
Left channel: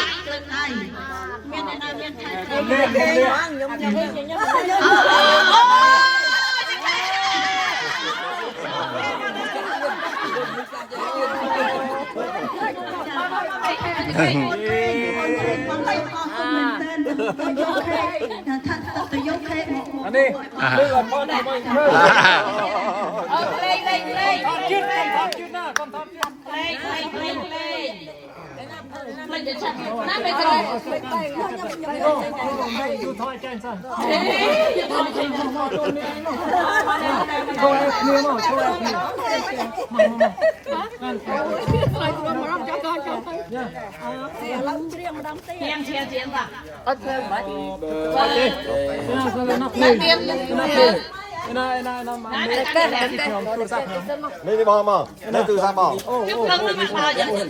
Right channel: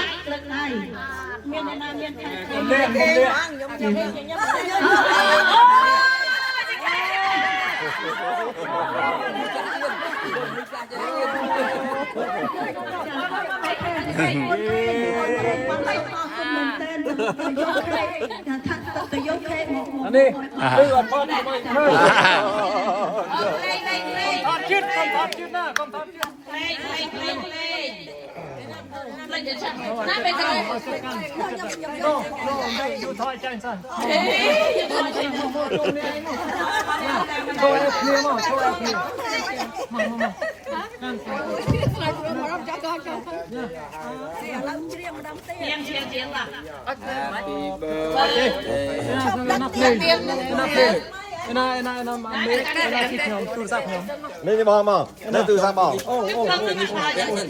មានអ្នកណាមានខែនេះគឺអត់មកដល់មកធ្វើ អូលេង ថតជឿណាកុំថតជឿ លេងចាស់ណាមិនក្រោយ ยูថតចាញ់សិនចូលឲ្យគ្នាមកចូលឲ្យគ្នាមកนั่นไปมารับจับก่อนចូលទៅយ៉ាឡើងច្រៀងម្ដងទៀតជាងបាទអត់ទេអត់ទេណាសណាភ្លេងណាភ្លេងណានេះបងមកនេះគឺថាបងអូ ខ្ញុំខំមិនមកយ៉ាងនេះ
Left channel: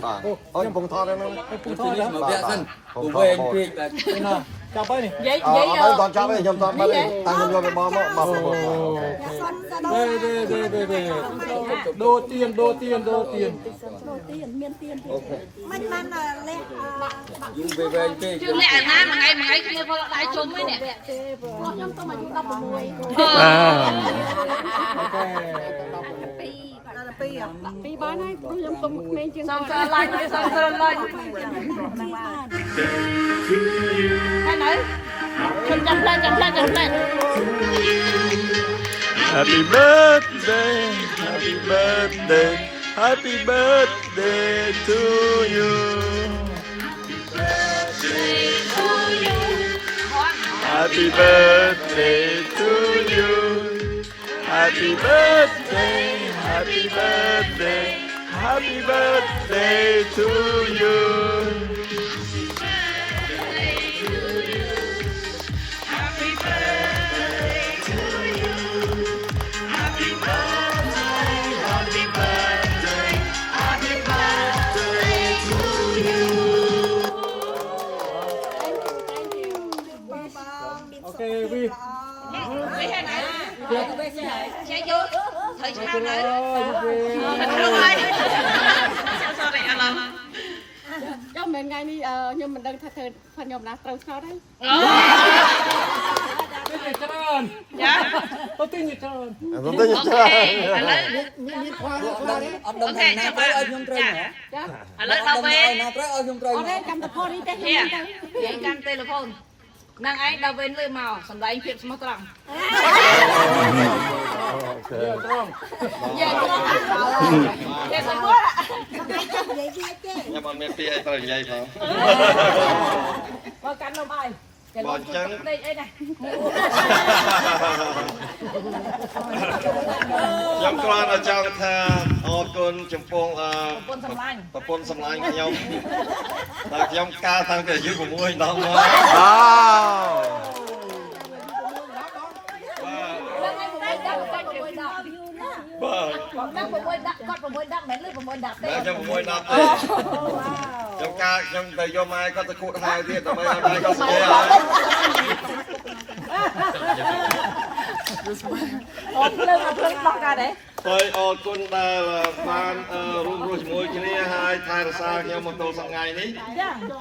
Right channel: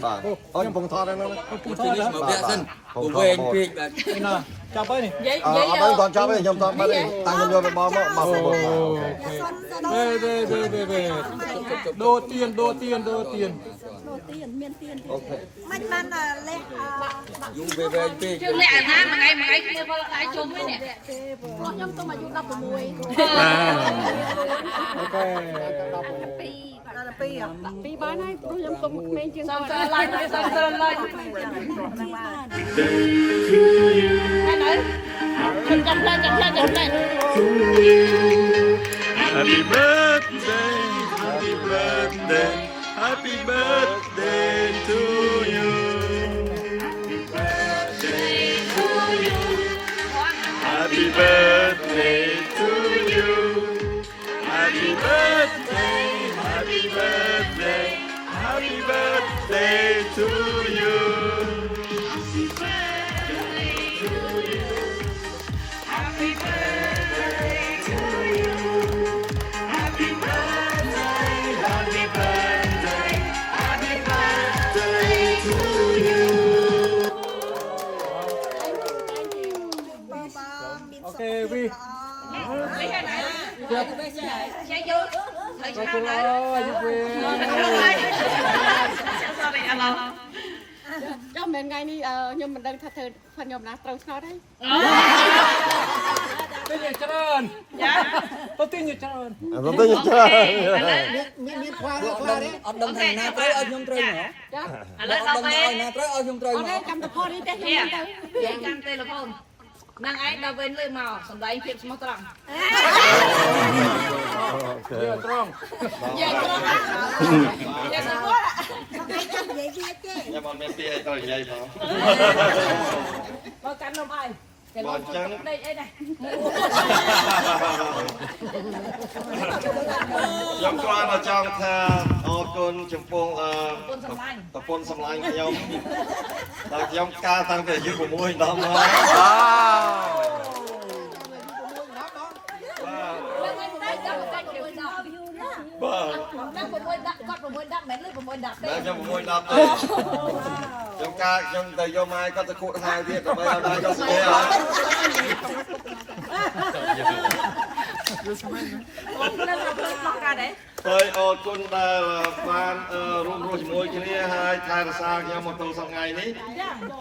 អូខ្ញុំពងថតហ្នឹង พูดถึงนี่หมดเดียวสิกูเองพี่แบบ ណាចាប់ទៅនេះ និយាយ គាត់ចាប់វិញខ្ញុំថតមកតាំងយកមកមកដូទៀនមានទៀន មិន បានលះ ยูเวงพี่ ជឿលាក់ណាមួយថ្ងៃគ្នាផលដៃជុំហ្នឹងនេះ ខ្ញុំទៅអាយុ16 ពីបានហើយព្រោះខ្ញុំទុំក្មេងជាង សំស្រឡាញ់ហើយនៅខ្ញុំចាំផ្លែ Happy birthday Happy birthday to you Happy birthday to you Happy birthday to you Okay, we. Chơi vô thời gian nàyចាំមែនថ្ងៃនេះខ្ញុំមិនដឹងថាធ្វើខ្ញុំណាត្រូវឆ្នោតហើយ Tên là Trơn. Tôi tin như Trơn.មានខ្វល់đấy ông đồng hành nào tới ở chung trời hả ឥឡូវដល់ពេល nào tới ở chung trời អត់ទេចាំតែផតនេះទេខ្ញុំមិនទៅ និយាយកាន់ទូរស័ព្ទនឹងឯងដល់ពេលលើមកសំដែងភាពស្មោះត្រង់ Giờ tròn. និយាយទៅគាត់ ខ្ញុំអត់មានពាក្យអីត្រូវនិយាយផង បើកាន់នំអីគេលុយជួយដេកអីដែរ ខ្ញុំគ្រាន់តែចង់ថាអរគុណចំពោះប្រពន្ធសម្លាញ់ខ្ញុំតែខ្ញុំកាលតាំងពីអាយុ6ដល់មក Wow ដល់6ដាក់គាត់6ដាក់មិនលឺ6ដាក់ទេ ខ្ញុំ6ដល់ទេខ្ញុំកាខ្ញុំទៅយកម៉ែគាត់ទៅខួតហៅទៀតដើម្បីឲ្យដៃគាត់ស្គាល់ហើយ អូនភ្លើងមកកាđấy ហើយអរគុណដែលបានរួមរស់ជាមួយគ្នាហើយថែរក្សាខ្ញុំមកទល់សប្តាហ៍នេះ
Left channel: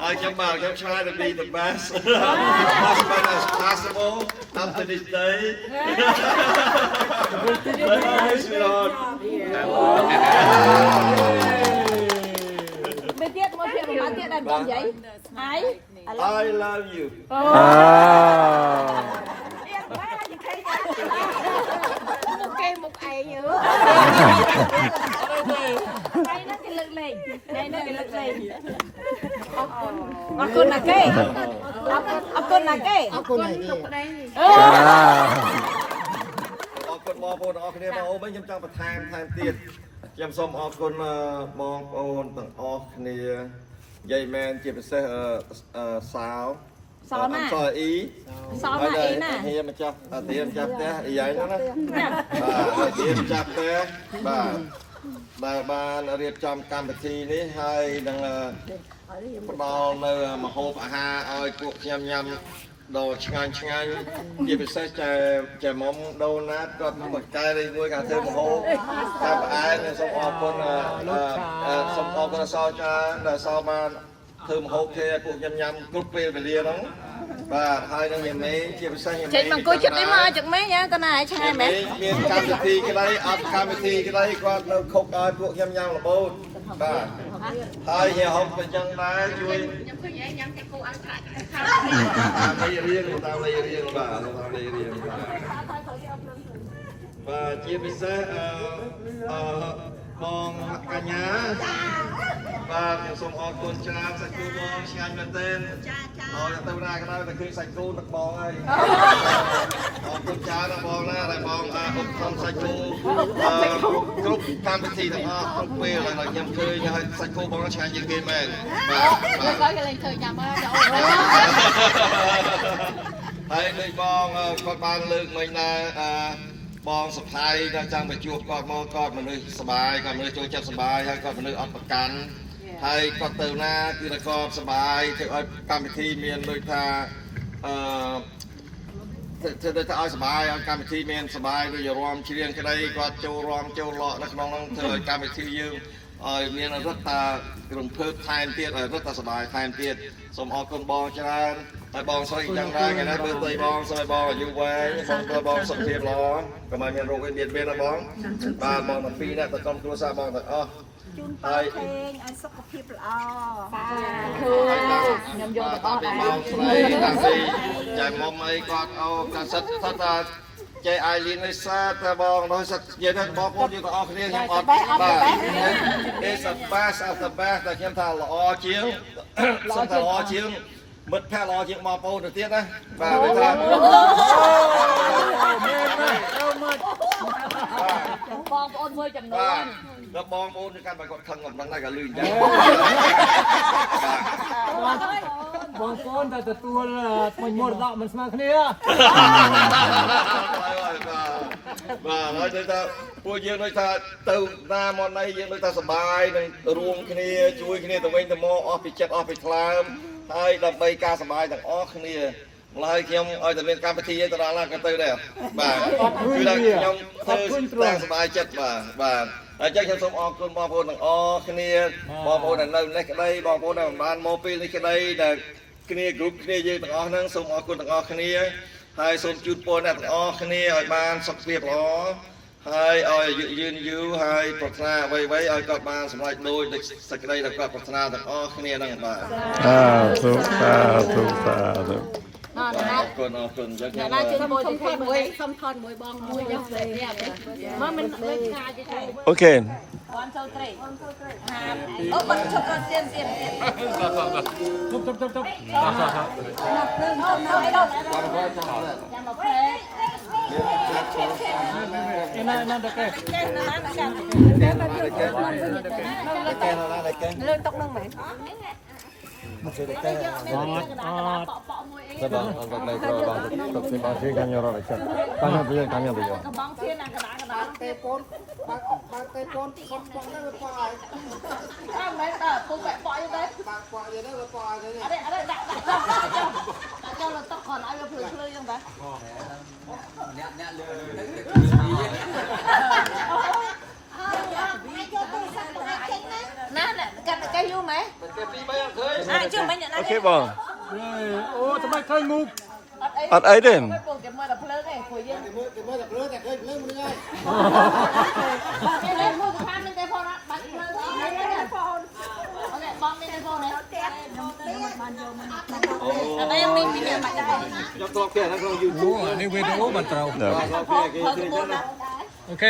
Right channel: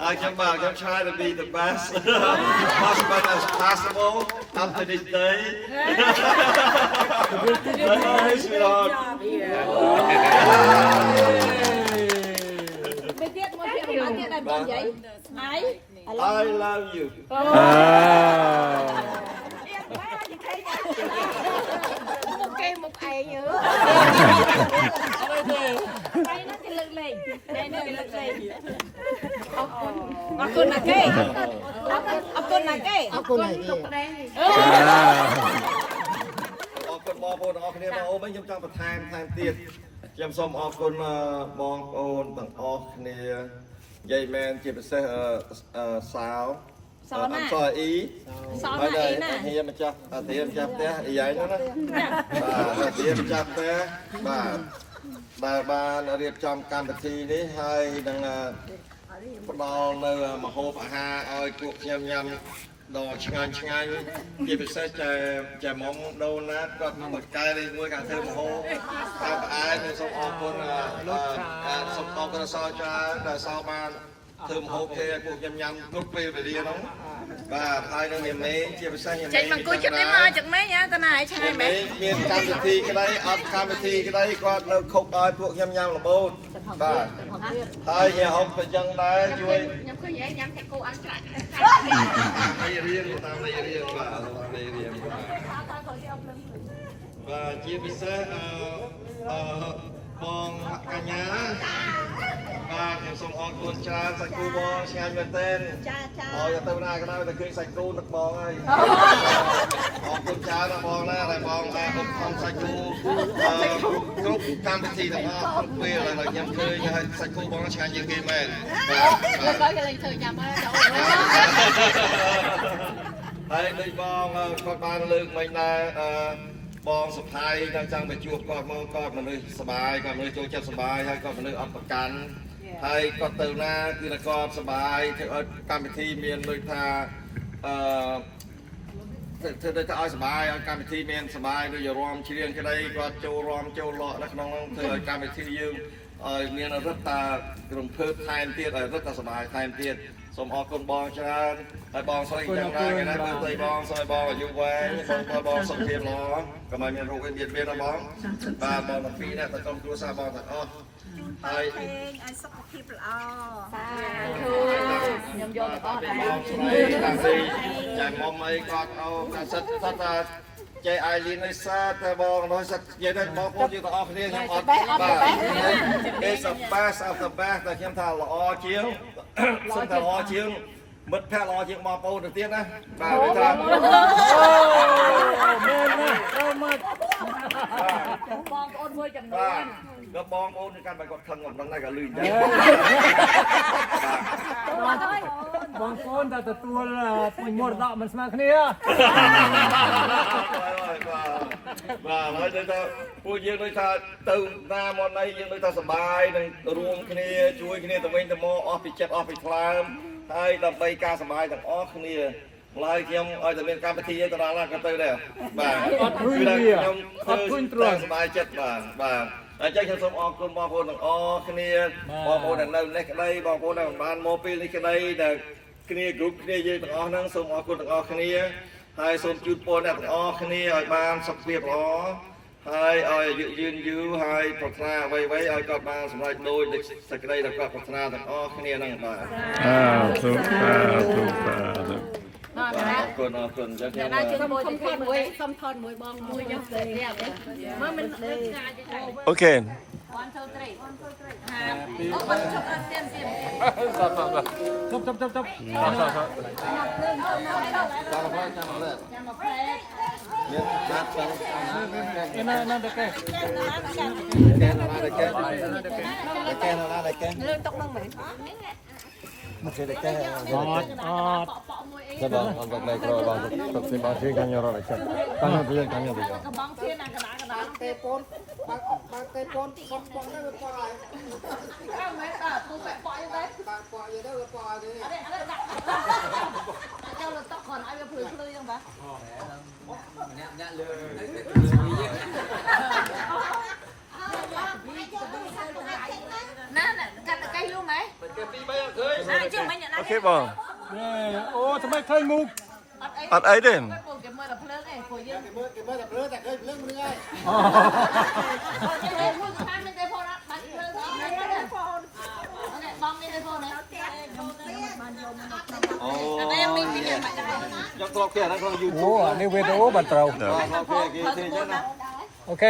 ហើយខ្ញុំបាទខ្ញុំឆ្លើយទៅពី the best as much as possible up to this day មិនទៀតមកពីប្រហែលទៀតដែរបងយាយហើយ I love you មុខគេមុខឯងយើថ្ងៃហ្នឹងគេលើកលែងថ្ងៃហ្នឹងគេលើកលែងអរគុណណាគេអរគុណណាគេអរគុណណាគេ អរគុណបងប្អូនទាំងអស់គ្នាបងអូនខ្ញុំចង់បន្ថែមទៀតខ្ញុំសូមអរគុណបងប្អូនទាំងអស់គ្នាយាយមែនជាពិសេសសាវអ៊ី សល់ណាអីណា ហៀម្ចាស់អាទៀម្ចាស់ផ្ទះអីយ៉ាងហ្នឹងណាបាទអាទៀម្ចាស់ផ្ទះបាទដែលបានរៀបចំកម្មវិធីនេះហើយនឹងផ្ដល់នៅម្ហូបអាហារឲ្យពួកខ្ញុំញ៉ាំដល់ឆ្ងាញ់ជាពិសេសចែមុំដូណាតក៏មកកែលេខមួយការធ្វើម្ហូបតែផ្អែមខ្ញុំសូមអរគុណសូមអរគុណសោច្រើនដែលសោបានធ្វើម្ហូបគេពួកខ្ញុំញ៉ាំគ្រប់ពេលវេលាហ្នឹងបាទហើយនឹងញ៉ាំលេងជាពិសេសញ៉ាំលេង ចេញមកអង្គុយចិត្តនេះមកចឹងម៉េចតើណាឲ្យឆ្ងាយមែន មានកម្មវិធីក្តីអត់កម្មវិធីក្តីគាត់នៅខុកឲ្យពួកខ្ញុំញ៉ាំរបូតបាទហើយញ៉ាំហូបក៏ចឹងដែរជួយខ្ញុំឃើញឯងញ៉ាំតែគូអង្ក្រាច់តាមរៀនបាទរៀនបាទជាពិសេសបងកញ្ញាបាទខ្ញុំសូមអរគុណច្រើនសាច់គូបងឆ្ងាញ់មែនទែនឲ្យទៅណាក៏ដោយតែឃើញសាច់គូទឹកបងហើយអរគុណច្រើនដល់បងណាដែលបងបានឧបត្ថម្ភសាច់គូគ្រប់កម្មវិធីទាំងអស់គ្រប់ពេលដែលខ្ញុំឃើញហើយសាច់គូបងឆ្ងាញ់ជាងគេមែនបាទបាទគេលេងឃើញញ៉ាំហើយហើយដូចបងគាត់បានលើកមិញដែរបងសុផៃដល់ចង់ទៅជួបគាត់មកគាត់មនុស្សសបាយគាត់មនុស្សចូលចិត្តសបាយហើយគាត់មនុស្សអត់ប្រកាន់ហើយគាត់ទៅណាគឺតែគាត់សបាយធ្វើឲ្យកម្មវិធីមានដូចថាធ្វើទៅឲ្យសបាយឲ្យកម្មវិធីមានសបាយដូចរំច្រៀងក្តីគាត់ចូលរំចូលលក់នៅក្នុងនោះធ្វើឲ្យកម្មវិធីយើងឲ្យមានរឹតតារំភើបថែមទៀតឲ្យរឹតតាសបាយថែមទៀតសូមអរគុណបងច្រើនហើយបងស្រីយ៉ាងណាថ្ងៃនេះមើលទៅបងស្រីបងអាយុវែងបងទៅបងសុខភាពល្អកុំឲ្យមានរោគអីបៀតបៀនណាបងបាទបងទាំងពីរនេះទៅក្រុមគ្រួសារបងទាំងអស់ហើយ ឲ្យសុខភាពល្អបាទខ្ញុំយកទៅអស់ដែរ បងស្រីតាពីចាំមុំអីគាត់អូតែសិតថាចេះអាយលីននេះសាតែបងនោះសិតនិយាយទៅបងប្អូនយើងទាំងអស់គ្នាខ្ញុំអត់បាទគេសបាសអត់សបាសតែខ្ញុំថាល្អជាងសិនថាល្អជាងមិត្តភក្តិល្អជាងបងប្អូនទៅទៀតណាបាទគេថាបងប្អូនមួយចំនួន ដល់បងប្អូនគឺកាន់តែគាត់ខឹងកំដៅតែក៏លឺអញ្ចឹង បងប្អូនតែទទួលពុញមរតកមិនស្មើគ្នា បាទហើយទៅថាពួកយើងដូចថាទៅណាមកណីយើងដូចថាសបាយនឹងរួមគ្នាជួយគ្នាទៅវិញទៅមកអស់ពីចិត្តអស់ពីថ្លើមហើយដើម្បីការសបាយទាំងអស់គ្នាម្ល៉េះខ្ញុំឲ្យតែមានកម្មវិធីឲ្យទៅដល់ណាក៏ទៅដែរបាទគឺថាខ្ញុំធ្វើតាមសបាយចិត្តបាទហើយចឹងខ្ញុំសូមអរគុណបងប្អូនទាំងអស់គ្នាបងប្អូនដែលនៅនេះក្តីបងប្អូនដែលបានមកពេលនេះក្តីដែលគ្នាគ្រប់គ្នាយើងទាំងអស់ហ្នឹងសូមអរគុណទាំងអស់គ្នាហើយសូមជូនពរអ្នកទាំងអស់គ្នាឲ្យបានសុខភាពល្អហើយឲ្យអាយុយឺនយូរហើយប្រាថ្នាអ្វីៗឲ្យគាត់បានសម្រេចដូចសេចក្តីដែលគាត់ប្រាថ្នាទាំងអស់គ្នាហ្នឹងបាទទុកសាទុក អរគុណ អរគុណចឹង អ្នកណាជួយមួយសុំថតមួយបងមួយយកទៅមើលមិនឆ្ងាយទេ អូខេ 1 2 3អូបាត់ជប់ទៀន ទុកណាណាលើតុកនឹងមែន អត់ Dạ vâng, ông gặp này rồi vâng, tập thể bao nhiêu cam rồi này chắc. Cam bây giờ. cái bóng thiên là cái đá tê côn con đấy không đấy tôi mẹ bọ như đấy ở đây đặt cho là tóc còn ai gặp người chơi không bà nè cắt cây luôn mày chưa mấy nhận Ok bông. Ô, tụi mày thay mù. Ở ấy đấy. cái mưa đập lớn này của dương Ủa, anh về đâu mà trâu. Ok.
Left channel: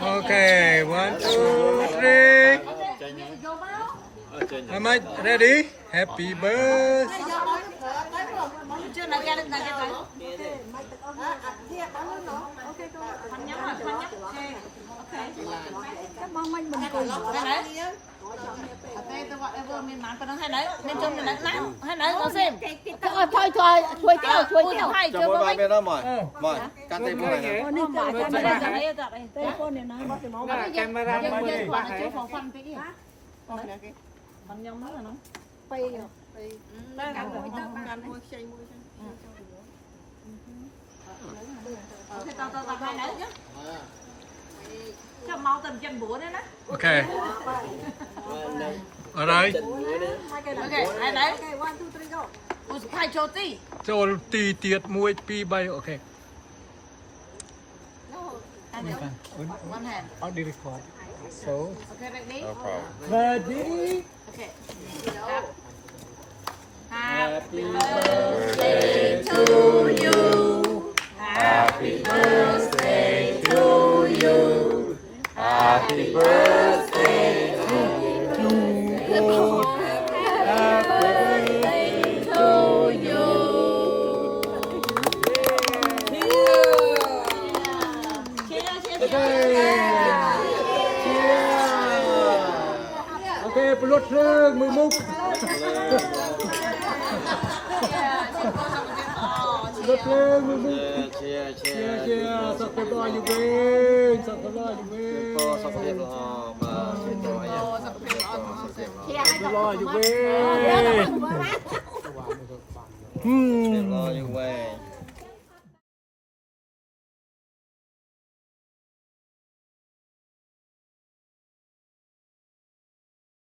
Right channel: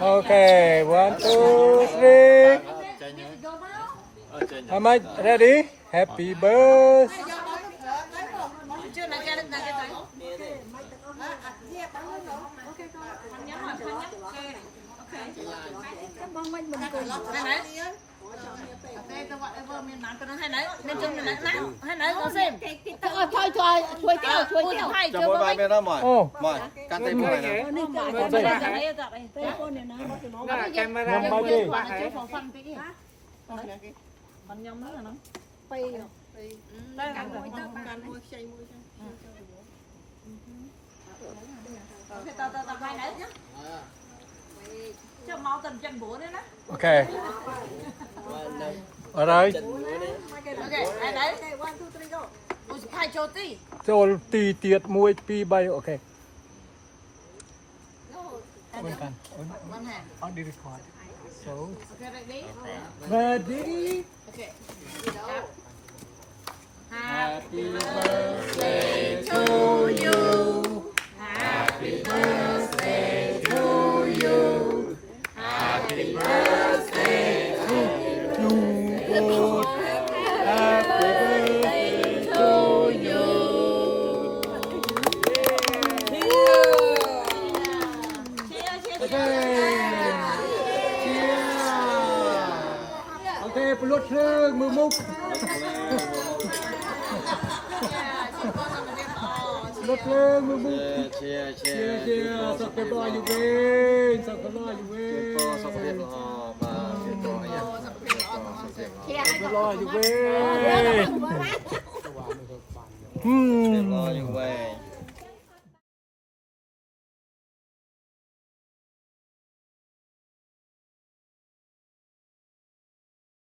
Ok, 1, 2, 3. Am I ready? Happy birthday. chưa là ra được cái này đây tôi gọi em vừa miền Nam tôi nói hay đấy nên chung là hay đấy có xem thôi tiêu hay chưa có mấy Mời, cắt tay này nè. Camera bao nhiêu? phần nhóm nữa là nó tao hay đấy chứ cho mau tầm chân búa đấy nè Ok. Ở đây. ok hay đấy hai chỗ tí Cho tì tiệt muối pi bay. Ok. one hand On the record. So. okay ready Ready. okay happy birthday to you happy birthday to you happy birthday to you happy birthday to you Ok, plot rương, mưa múc. Plot rương, mưa múc. Chia, sao có đòi như bên, sao có đòi như bên. Sao có đòi như bên. Lo như vậy.